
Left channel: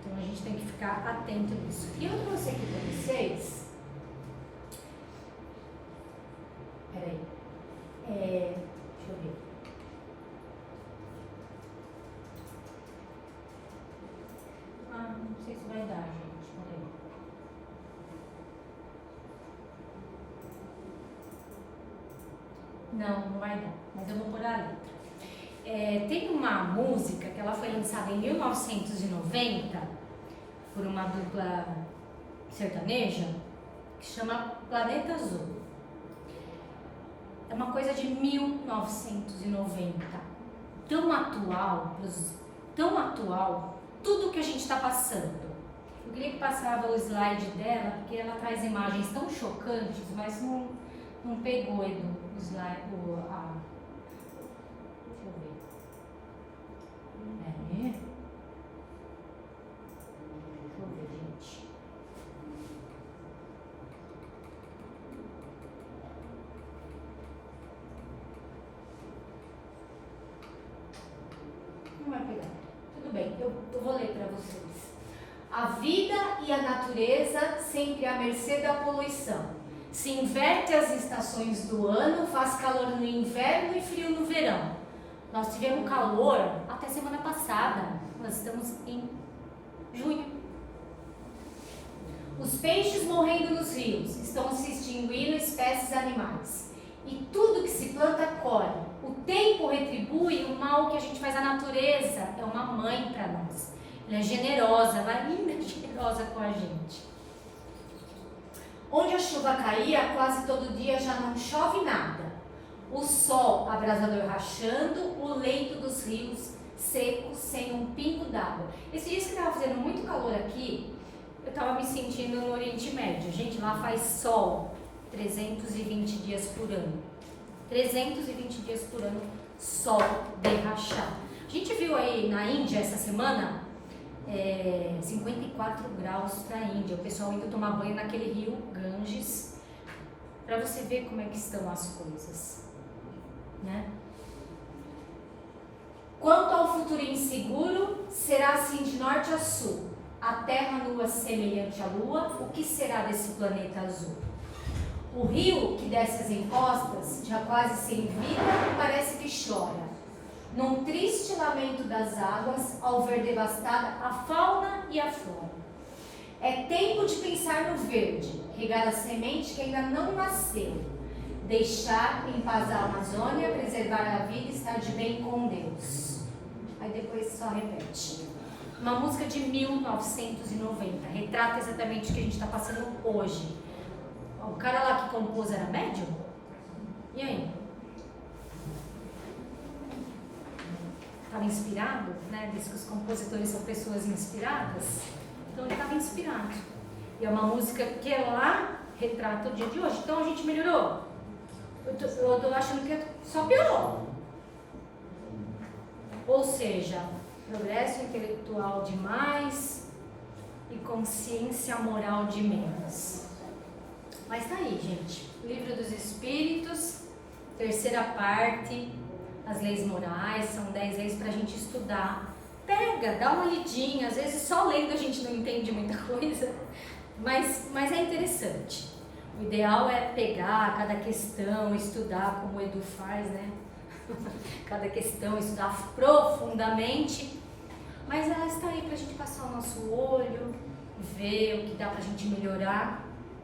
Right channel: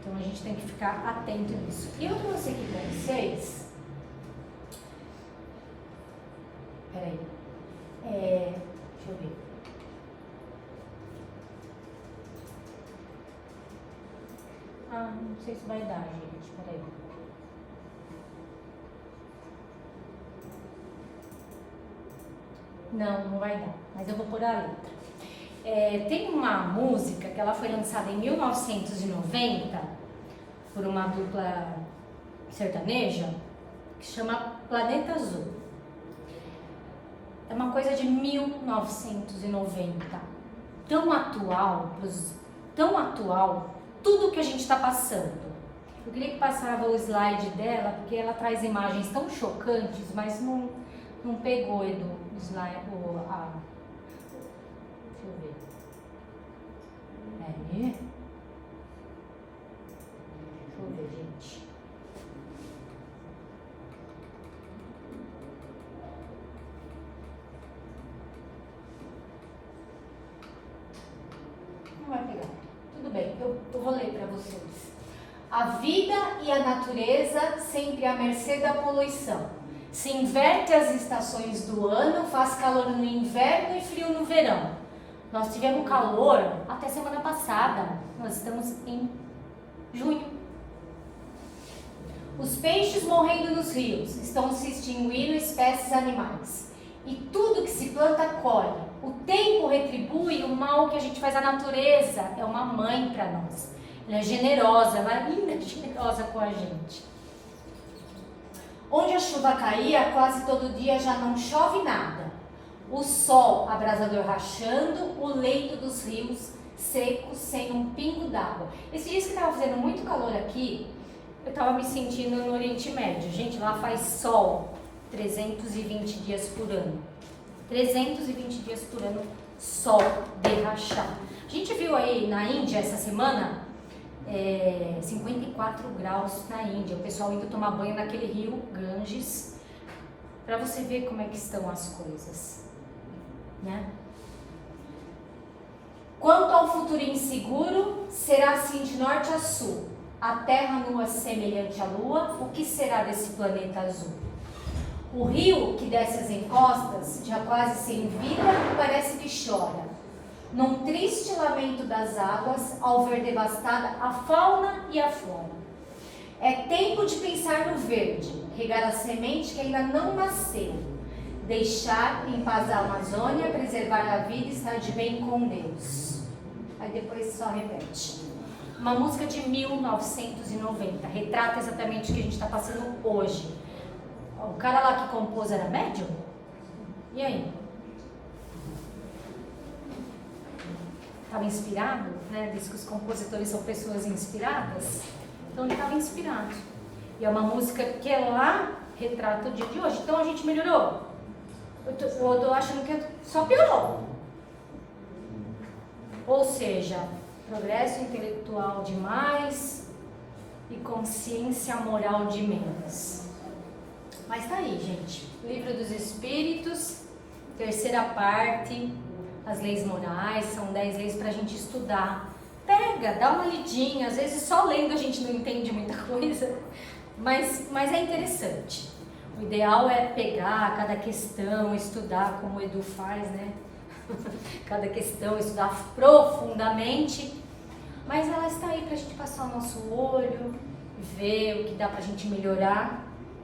Então a gente tem que ficar atento nisso. E eu trouxe aqui para vocês. Peraí. Deixa eu ver. Não sei se vai dar, gente. Peraí. Não vai dar, mas eu vou pôr a letra. Tem uma música que ela foi lançada em 1990 por uma dupla sertaneja que chama Planeta Azul. É uma coisa de 1990. tão atual, tudo que a gente está passando. Eu queria que passava o slide dela, porque ela traz imagens tão chocantes, mas não pegou, Edu, o slide, deixa eu ver. Deixa eu ver, gente. Não vai pegar. Tudo bem, eu vou ler para vocês. A vida e a natureza sempre à mercê da poluição. Se inverte as estações do ano, faz calor no inverno e frio no verão. Nós tivemos calor até semana passada. Nós estamos em junho. Os peixes morrendo nos rios, estão se extinguindo espécies animais. E tudo que se planta colhe. O tempo retribui o mal que a gente faz. A natureza é uma mãe para nós. Ela é generosa, ela é linda, generosa com a gente. Onde a chuva caía, quase todo dia já não chove nada. O sol abrasador rachando, o leito dos rios secos sem um pingo d'água. Esse dia que estava fazendo muito calor aqui, eu estava me sentindo no Oriente Médio. Gente, lá faz sol 320 dias por ano. 320 dias por ano, sol de rachar. A gente viu aí na Índia essa semana 54 graus na Índia, o pessoal indo tomar banho naquele rio Ganges, para você ver como é que estão as coisas, né? Quanto ao futuro inseguro, será assim de norte a sul, a terra nua semelhante à lua, o que será desse planeta azul? O rio que desce as encostas, já quase sem vida, parece que chora. Num triste lamento das águas, ao ver devastada a fauna e a flora. É tempo de pensar no verde, regar a semente que ainda não nasceu, deixar em paz a Amazônia, preservar a vida e estar de bem com Deus. Aí depois só repete. Uma música de 1990, retrata exatamente o que a gente está passando hoje. O cara lá que compôs era médium? E aí? Estava inspirado, né? Diz que os compositores são pessoas inspiradas. Então ele estava inspirado. E é uma música que lá retrata o dia de hoje. Então a gente melhorou. Eu tô achando que só piorou. Ou seja, progresso intelectual demais e consciência moral de menos. Mas tá aí, gente. Livro dos Espíritos, terceira parte. As leis morais, são 10 leis para a gente estudar. Pega, dá uma lidinha, às vezes só lendo a gente não entende muita coisa, mas é interessante. O ideal é pegar cada questão, estudar como o Edu faz, né? Cada questão, estudar profundamente, mas ela está aí para a gente passar o nosso olho, ver o que dá para a gente melhorar,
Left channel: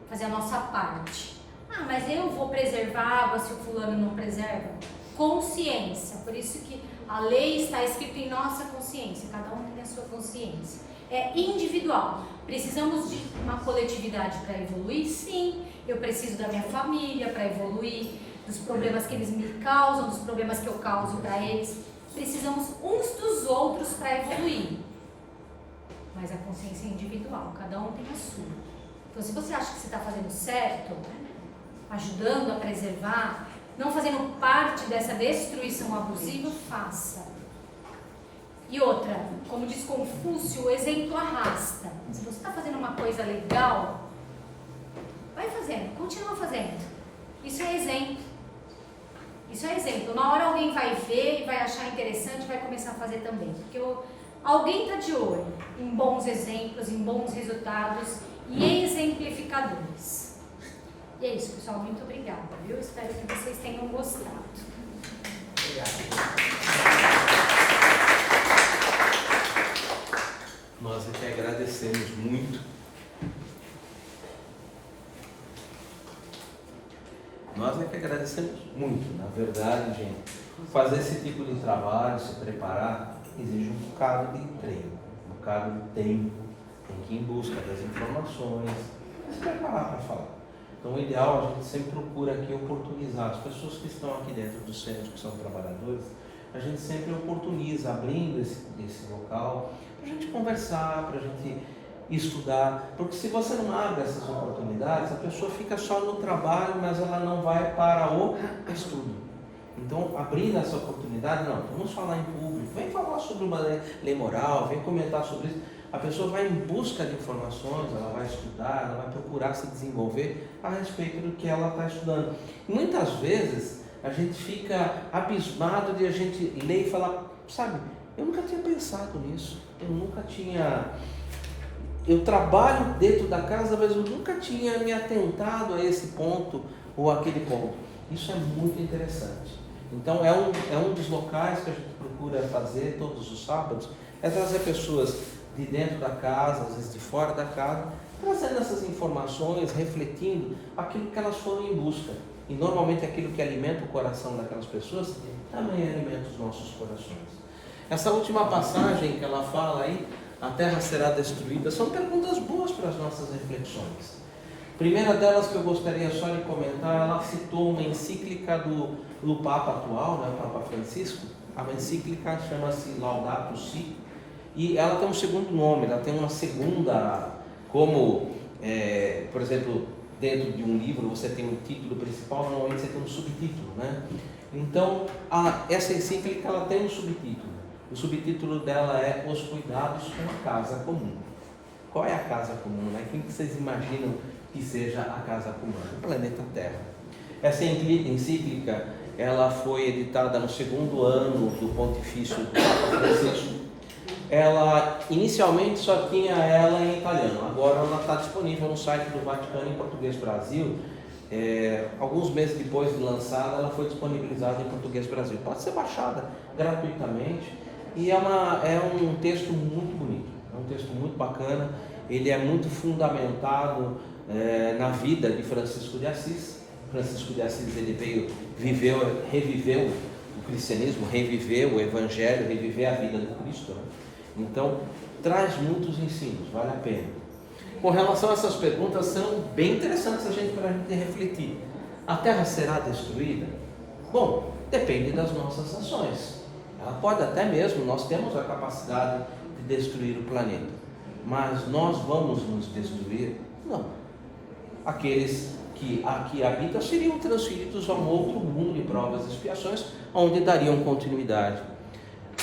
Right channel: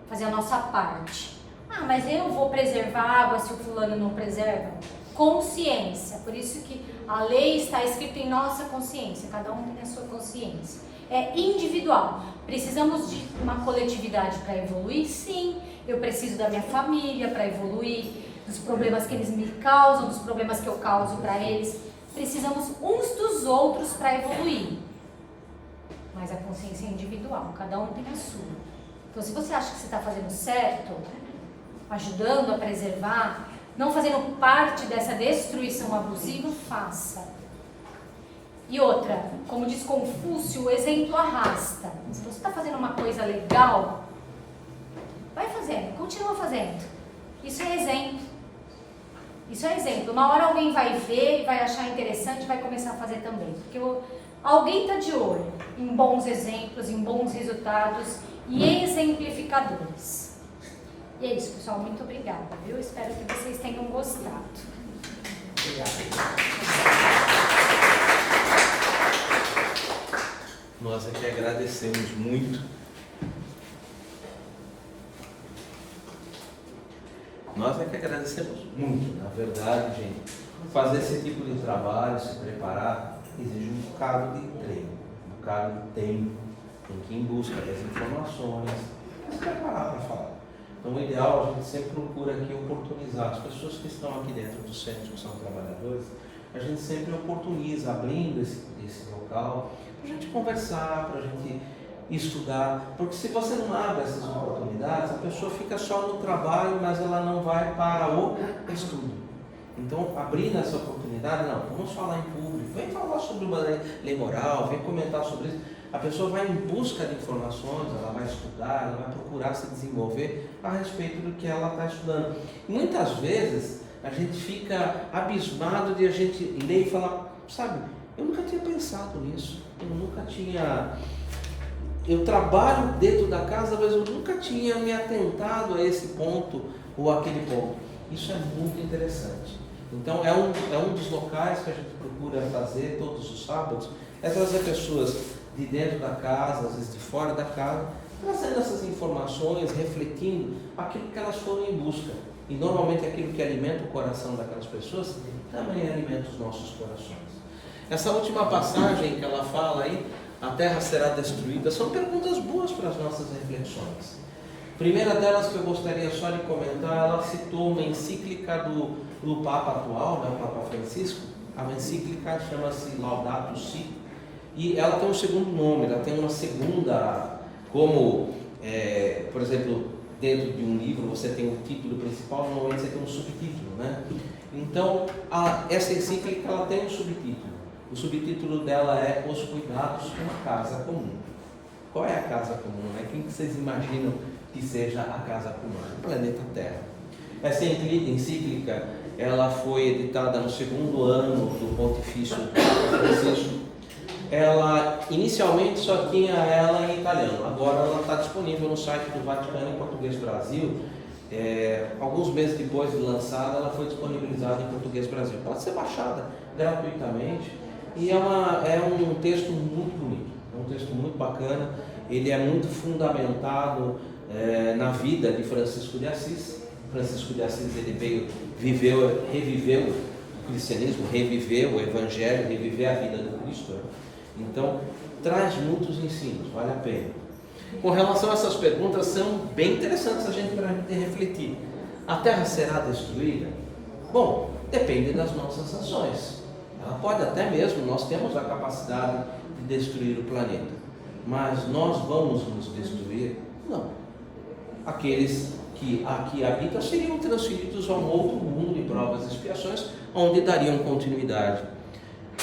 fazer a nossa parte. Ah, mas eu vou preservar a água se o fulano não preserva? Consciência, por isso que a lei está escrita em nossa consciência, cada um tem a sua consciência. É individual. Precisamos de uma coletividade para evoluir? Sim. Eu preciso da minha família para evoluir, dos problemas que eles me causam, dos problemas que eu causo para eles. Precisamos uns dos outros para evoluir. Mas a consciência é individual, cada um tem a sua. Então, se você acha que você está fazendo certo, ajudando a preservar, não fazendo parte dessa destruição abusiva, faça. E outra, como diz Confúcio, o exemplo arrasta. Se você está fazendo uma coisa legal, vai fazendo, continua fazendo. Isso é exemplo. Isso é exemplo. Uma hora alguém vai ver, vai achar interessante e vai começar a fazer também. Porque alguém está de olho em bons exemplos, em bons resultados e exemplificadores. E é isso, pessoal. Muito obrigada, viu? Espero que vocês tenham gostado. Nós aqui agradecemos muito. Nós é que agradecemos muito, na verdade, gente. Fazer esse tipo de trabalho, se preparar, exige um bocado de treino, um bocado de tempo. Tem que ir em busca das informações, se preparar para falar. Então, o ideal, a gente sempre procura aqui oportunizar as pessoas que estão aqui dentro do centro, que são trabalhadores, a gente sempre oportuniza, abrindo esse local, para a gente conversar, para a gente estudar, porque se você não abre essas oportunidades, a pessoa fica só no trabalho, mas ela não vai para o estudo. Então, abrindo essa oportunidade, não, vamos falar em público, vem falar sobre uma lei moral, vem comentar sobre isso. A pessoa vai em busca de informações, ela vai estudar, ela vai procurar se desenvolver a respeito do que ela está estudando. E muitas vezes a gente fica abismado de a gente ler e falar, sabe, eu nunca tinha pensado nisso, eu trabalho dentro da casa, mas eu nunca tinha me atentado a esse ponto ou aquele ponto. Isso é muito interessante. Então é um dos locais que a gente procura fazer todos os sábados, é trazer pessoas de dentro da casa, às vezes de fora da casa, trazendo essas informações, refletindo aquilo que elas foram em busca. E normalmente aquilo que alimenta o coração daquelas pessoas também alimenta os nossos corações. Essa última passagem que ela fala aí, a terra será destruída, são perguntas boas para as nossas reflexões. A primeira delas que eu gostaria só de comentar, ela citou uma encíclica do Papa atual, o Papa Francisco. A encíclica chama-se Laudato Si, e ela tem um segundo nome, ela tem uma segunda, como, por exemplo, dentro de um livro você tem o título principal, normalmente você tem um subtítulo, né? Então, essa encíclica ela tem um subtítulo. O subtítulo dela é Os Cuidados com a Casa Comum. Qual é a casa comum? Quem que vocês imaginam que seja a casa comum? O planeta Terra. Essa encíclica ela foi editada no segundo ano do Pontifício Francisco. Ela inicialmente só tinha ela em italiano, agora ela está disponível no site do Vaticano em Português Brasil. Alguns meses depois de lançada, ela foi disponibilizada em Português Brasil. Pode ser baixada gratuitamente e é um texto muito bonito, é um texto muito bacana. Ele é muito fundamentado na vida de Francisco de Assis. Francisco de Assis ele reviveu o cristianismo, reviveu o evangelho, reviveu a vida do Cristo. Então, traz muitos ensinos, vale a pena. Com relação a essas perguntas, são bem interessantes para a gente refletir. A Terra será destruída? Bom, depende das nossas ações. Ela pode até mesmo, nós temos a capacidade de destruir o planeta. Mas nós vamos nos destruir? Não. Aqueles que aqui habitam seriam transferidos a um outro mundo de provas e expiações, onde dariam continuidade.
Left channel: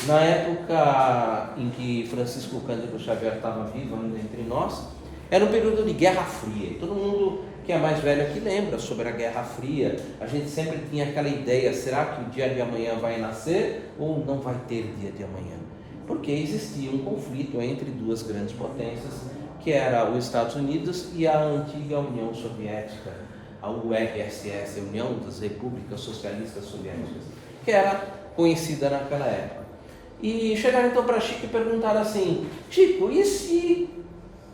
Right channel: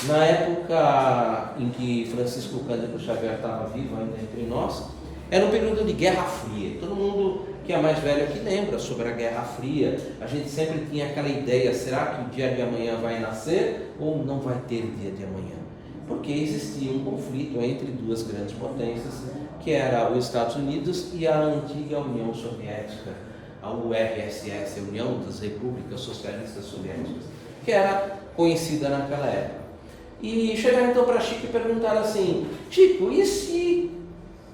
Na época em que Francisco Cândido Xavier estava vivo ainda entre nós, era um período de Guerra Fria. Todo mundo que é mais velho aqui lembra sobre a Guerra Fria. A gente sempre tinha aquela ideia, será que o dia de amanhã vai nascer ou não vai ter dia de amanhã? Porque existia um conflito entre duas grandes potências, que era os Estados Unidos e a antiga União Soviética, a URSS, a União das Repúblicas Socialistas Soviéticas, que era conhecida naquela época. E chegaram então para Chico e perguntaram assim: Chico, e se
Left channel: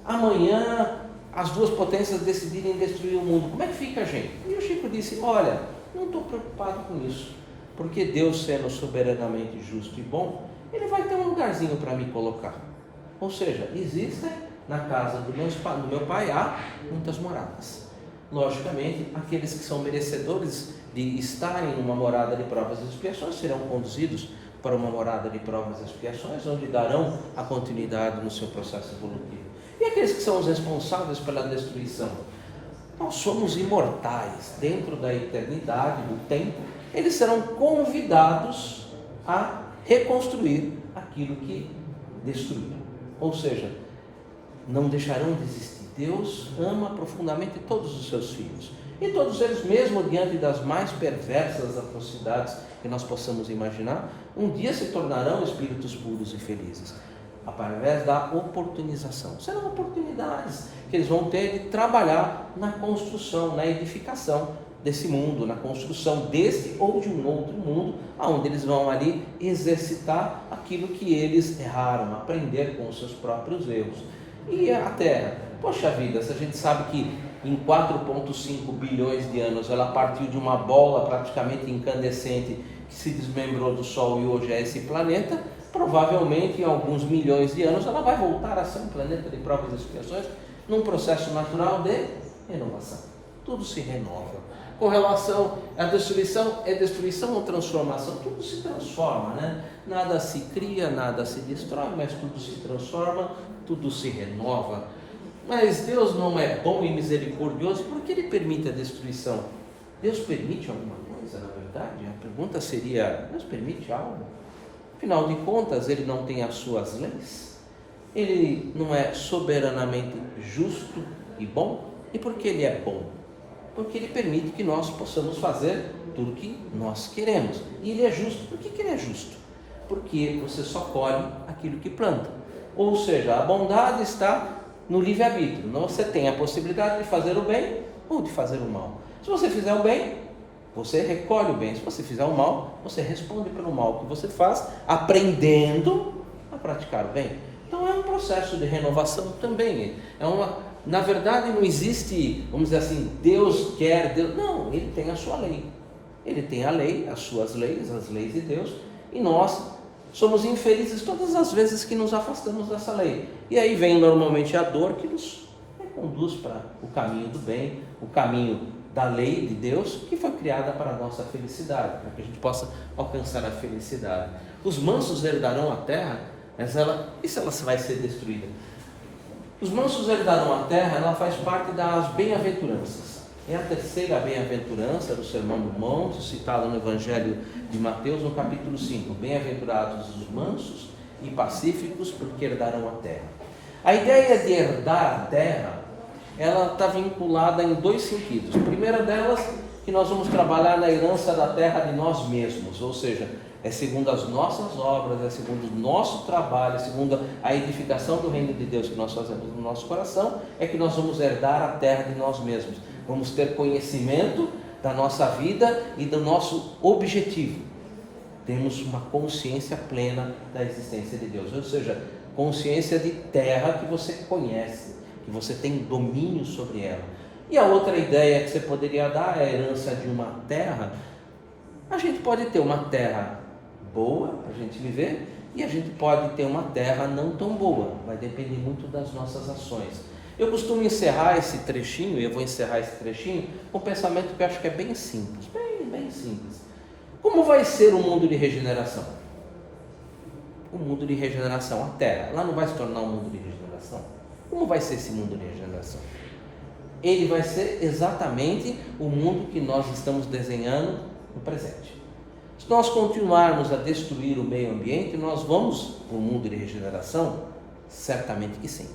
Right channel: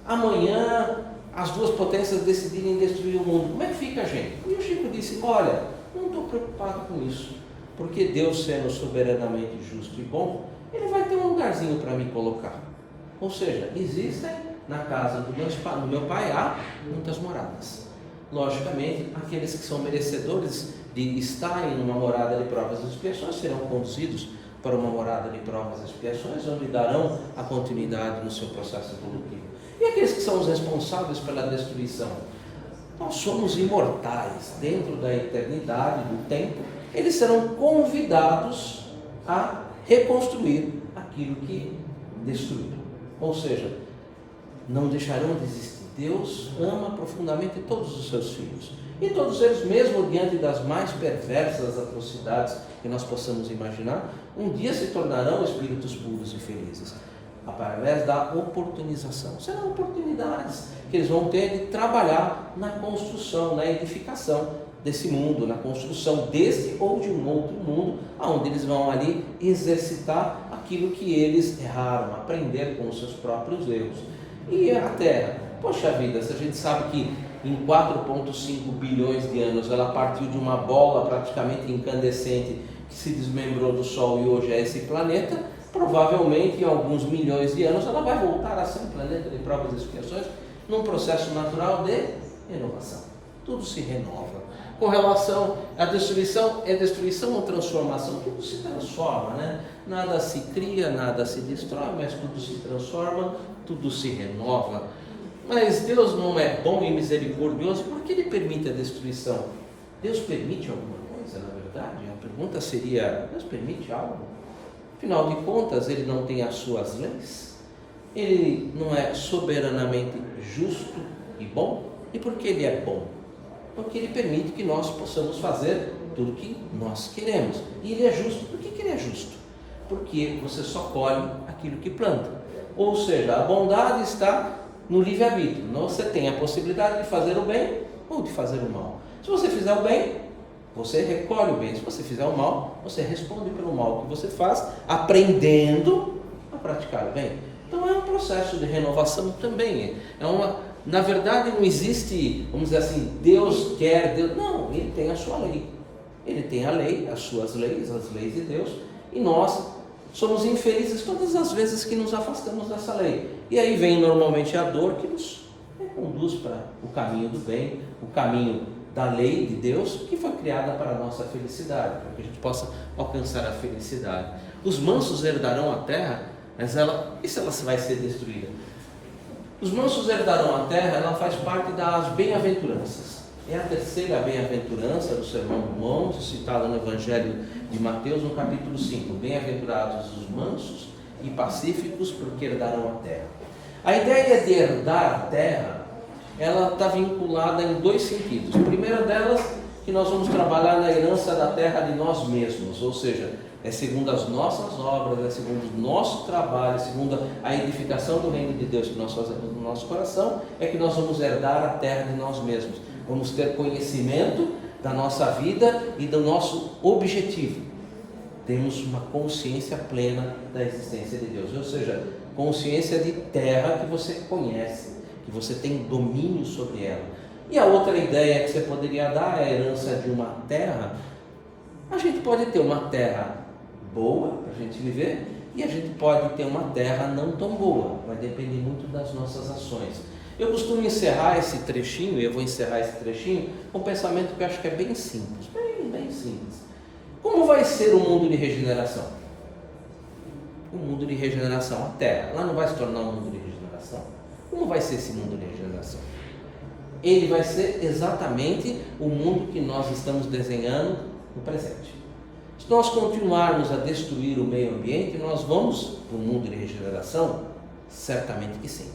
amanhã as duas potências decidirem destruir o mundo, como é que fica a gente? E o Chico disse: olha, não estou preocupado com isso, porque Deus, sendo soberanamente justo e bom, Ele vai ter um lugarzinho para me colocar. Ou seja, existem na casa do meu pai há muitas moradas. Logicamente, aqueles que são merecedores de estar em uma morada de provas e expiações serão conduzidos para uma morada de provas e expiações, onde darão a continuidade no seu processo evolutivo. E aqueles que são os responsáveis pela destruição? Nós somos imortais. Dentro da eternidade, do tempo, eles serão convidados a reconstruir aquilo que destruíram. Ou seja, não deixarão de existir. Deus ama profundamente todos os seus filhos. E todos eles, mesmo diante das mais perversas atrocidades que nós possamos imaginar, um dia se tornarão espíritos puros e felizes, através da oportunização. Serão oportunidades que eles vão ter de trabalhar na construção, na edificação desse mundo, na construção desse ou de um outro mundo, onde eles vão ali exercitar aquilo que eles erraram, aprender com os seus próprios erros. E a Terra, poxa vida, se a gente sabe que em 4,5 bilhões de anos ela partiu de uma bola praticamente incandescente que se desmembrou do Sol e hoje é esse planeta, provavelmente em alguns milhões de anos ela vai voltar a ser um planeta de provas e expiações num processo natural de renovação. Tudo se renova. Com relação à destruição, é destruição ou transformação? Tudo se transforma, né? Nada se cria, nada se destrói, mas tudo se transforma, tudo se renova. Mas Deus não é bom e misericordioso porque Ele permite a destruição. Deus permite alguma coisa, na verdade? A pergunta seria, Deus permite algo? Afinal de contas, Ele não tem as suas leis? Ele não é soberanamente justo e bom? E por que Ele é bom? Porque Ele permite que nós possamos fazer tudo o que nós queremos. E Ele é justo. Por que Ele é justo? Porque você só colhe aquilo que planta. Ou seja, a bondade está no livre-arbítrio. Você tem a possibilidade de fazer o bem ou de fazer o mal. Se você fizer o bem, você recolhe o bem. Se você fizer o mal, você responde pelo mal que você faz, aprendendo a praticar o bem. Então é um processo de renovação também. Na verdade não existe, vamos dizer assim, Deus quer, Deus... Não, Ele tem a sua lei. Ele tem a lei, as suas leis, as leis de Deus, e nós somos infelizes todas as vezes que nos afastamos dessa lei. E aí vem normalmente a dor que nos conduz para o caminho do bem, o caminho da lei de Deus, que foi criada para a nossa felicidade, para que a gente possa alcançar a felicidade. Os mansos herdarão a terra, mas e se ela vai ser destruída? Os mansos herdarão a terra, ela faz parte das bem-aventuranças. É a terceira bem-aventurança do Sermão do Monte, citada no Evangelho de Mateus, no capítulo 5. Bem-aventurados os mansos e pacíficos, porque herdarão a terra. A ideia de herdar a terra, ela está vinculada em dois sentidos. A primeira delas, que nós vamos trabalhar na herança da terra de nós mesmos, ou seja, é segundo as nossas obras, é segundo o nosso trabalho, é segundo a edificação do reino de Deus que nós fazemos no nosso coração, é que nós vamos herdar a terra de nós mesmos. Vamos ter conhecimento da nossa vida e do nosso objetivo. Temos uma consciência plena da existência de Deus, ou seja, consciência de terra que você conhece, que você tem domínio sobre ela. E a outra ideia que você poderia dar é a herança de uma terra. A gente pode ter uma terra boa para a gente viver e a gente pode ter uma terra não tão boa, vai depender muito das nossas ações. Eu costumo encerrar esse trechinho, e eu vou encerrar esse trechinho com um pensamento que eu acho que é bem simples, bem simples. Como vai ser o mundo de regeneração? O mundo de regeneração, a terra, ela não vai se tornar um mundo de regeneração? Como vai ser esse mundo de regeneração? Ele vai ser exatamente o mundo que nós estamos desenhando no presente. Se nós continuarmos a destruir o meio ambiente, nós vamos para o mundo de regeneração? Certamente que sim.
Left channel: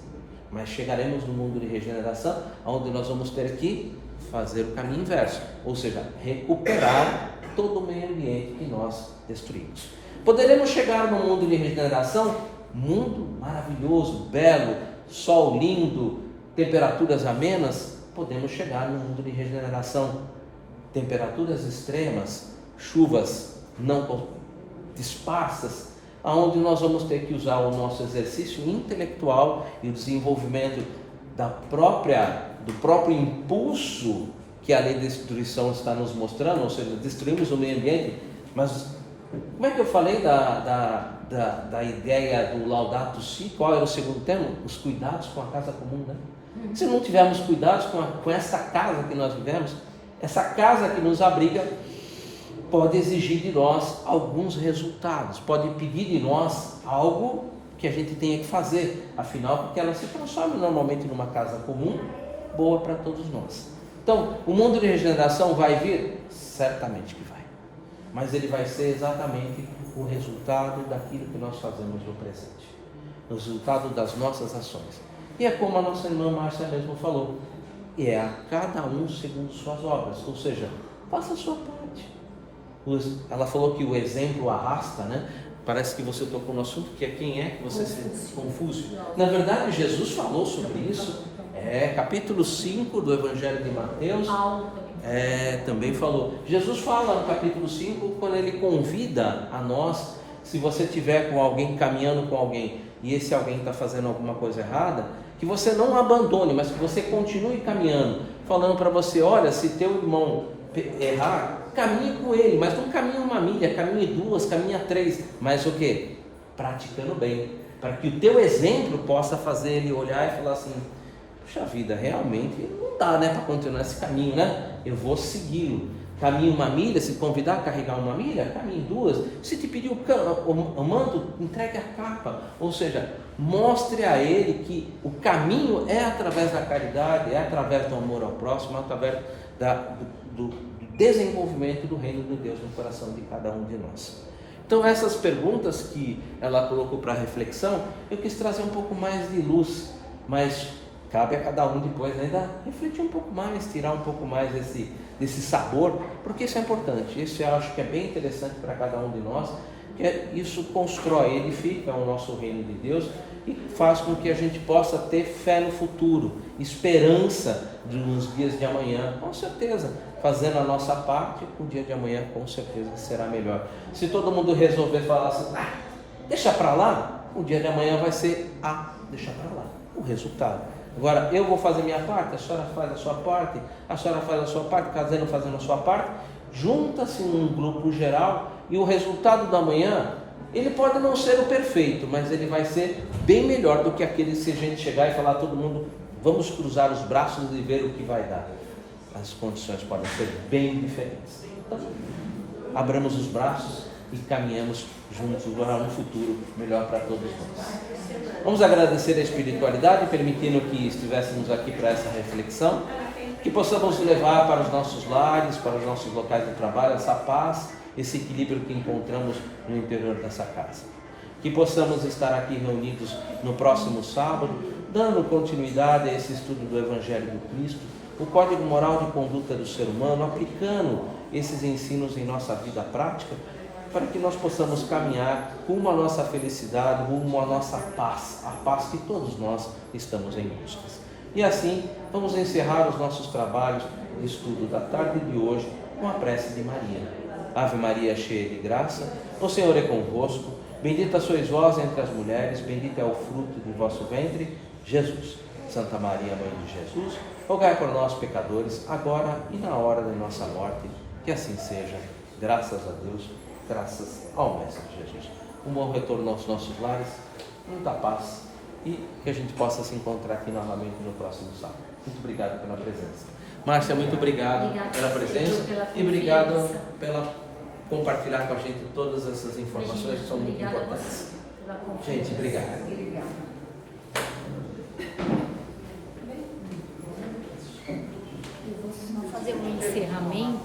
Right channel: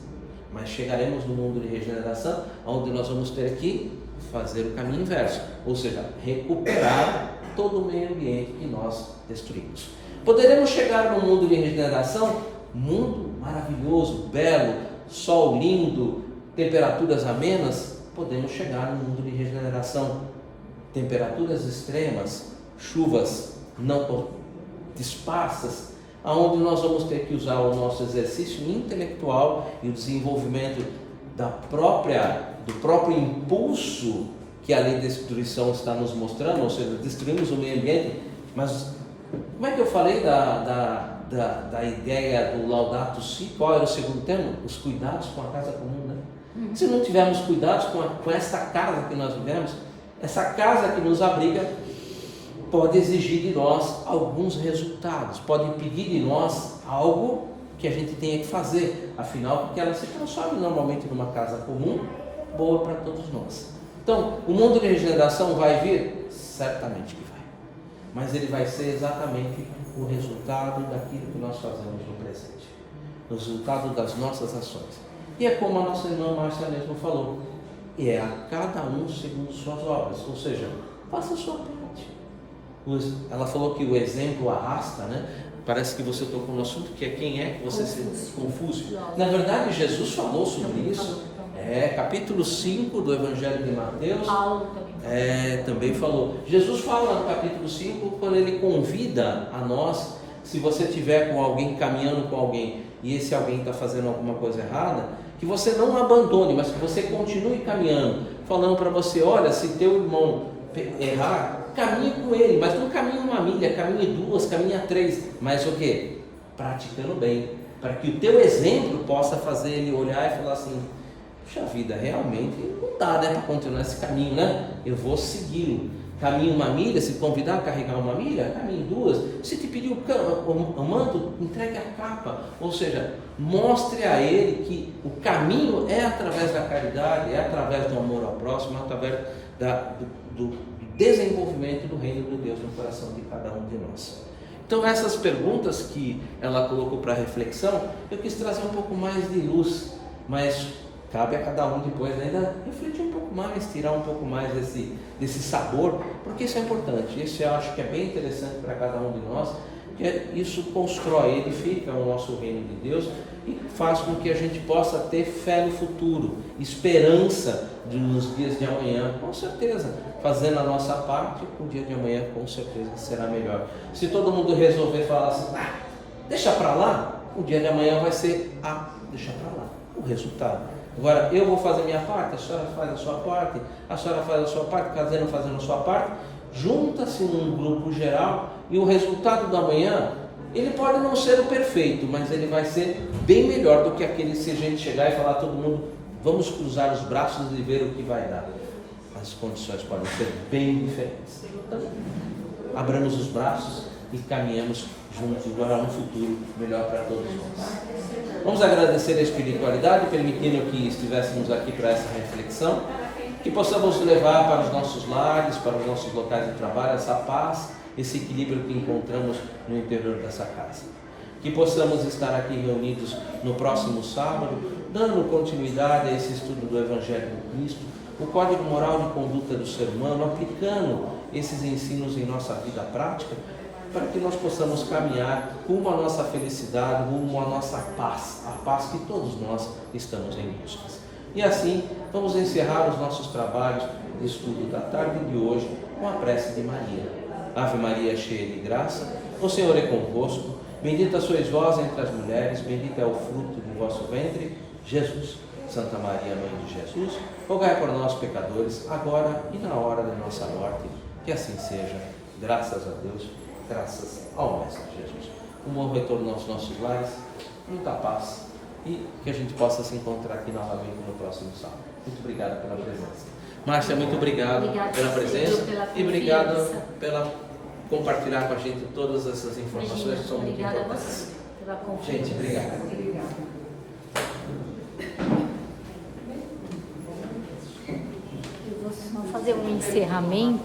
Mas chegaremos no mundo de regeneração, onde nós vamos ter que fazer o caminho inverso, ou seja, recuperar todo o meio ambiente que nós destruímos. Poderemos chegar no mundo de regeneração, mundo maravilhoso, belo, sol lindo, temperaturas amenas. Podemos chegar no mundo de regeneração, temperaturas extremas, chuvas não dispersas, onde nós vamos ter que usar o nosso exercício intelectual e o desenvolvimento do próprio impulso que a lei da destruição está nos mostrando, ou seja, destruímos o meio ambiente. Mas como é que eu falei da ideia do Laudato Si? Qual era o segundo tema? Os cuidados com a casa comum, né? Se não tivermos cuidados com essa casa que nós vivemos, essa casa que nos abriga, pode exigir de nós alguns resultados, pode pedir de nós algo que a gente tenha que fazer, afinal, porque ela se transforma normalmente numa casa comum, boa para todos nós. Então, o mundo de regeneração vai vir? Certamente que vai, mas ele vai ser exatamente o resultado daquilo que nós fazemos no presente, o resultado das nossas ações. E é como a nossa irmã Márcia mesmo falou, e é a cada um segundo suas obras, ou seja, faça a sua parte. Ela falou que o exemplo arrasta, né? Parece que você tocou no assunto, que é quem é que você se confuso. Na verdade, Jesus falou sobre isso. Capítulo 5 do Evangelho de Mateus. Também falou. Jesus fala no capítulo 5, quando ele convida a nós, se você estiver com alguém, caminhando com alguém, e esse alguém está fazendo alguma coisa errada, que você não abandone, mas que você continue caminhando, falando para você, olha, se teu irmão errar, caminhe com ele, mas não caminhe uma milha, caminhe 2, caminhe 3, mas o que? Praticando bem, para que o teu exemplo possa fazer ele olhar e falar assim, puxa vida, realmente não dá, né, para continuar esse caminho, né? Eu vou segui-lo. Caminho uma milha, se convidar a carregar uma milha, caminho 2. Se te pedir o manto, entregue a capa. Ou seja, mostre a ele que o caminho é através da caridade, é através do amor ao próximo, é através do desenvolvimento do reino de Deus no coração de cada um de nós. Então essas perguntas que ela colocou para reflexão, eu quis trazer um pouco mais de luz, mas cabe a cada um depois ainda refletir um pouco mais, tirar um pouco mais desse sabor, porque isso é importante. Isso eu acho que é bem interessante para cada um de nós, que isso constrói, edifica o nosso reino de Deus e faz com que a gente possa ter fé no futuro, esperança nos dias de amanhã, com certeza, fazendo a nossa parte, o dia de amanhã com certeza será melhor. Se todo mundo resolver falar assim, deixa para lá, o dia de amanhã vai ser, deixa para lá, o resultado. Agora, eu vou fazer a minha parte, a senhora faz a sua parte, a senhora faz a sua parte, cada um fazendo a sua parte, junta-se num grupo geral e o resultado da manhã, ele pode não ser o perfeito, mas ele vai ser bem melhor do que aquele se a gente chegar e falar todo mundo, vamos cruzar os braços e ver o que vai dar. As condições podem ser bem diferentes. Então, abramos os braços e caminhamos juntos para um futuro melhor para todos nós. Vamos agradecer a espiritualidade, permitindo que estivéssemos aqui para essa reflexão, que possamos levar para os nossos lares, para os nossos locais de trabalho, essa paz, esse equilíbrio que encontramos no interior dessa casa. Que possamos estar aqui reunidos no próximo sábado, dando continuidade a esse estudo do Evangelho do Cristo, o código moral de conduta do ser humano, aplicando esses ensinos em nossa vida prática, para que nós possamos caminhar rumo à nossa felicidade, rumo à nossa paz, a paz que todos nós estamos em busca. E assim, vamos encerrar os nossos trabalhos de estudo da tarde de hoje com a prece de Maria. Ave Maria, cheia de graça, o Senhor é convosco, bendita sois vós entre as mulheres, bendito é o fruto do vosso ventre, Jesus. Santa Maria, Mãe de Jesus, rogai por nós pecadores, agora e na hora da nossa morte, que assim seja. Graças a Deus, graças ao Mestre Jesus. Um bom retorno aos nossos lares, muita paz e que a gente possa se encontrar aqui novamente no próximo sábado. Muito obrigado pela presença. Márcia, muito obrigado pela presença e obrigado pela compartilhar com a gente todas essas informações que são muito importantes. Gente, obrigado. Vamos fazer um encerramento.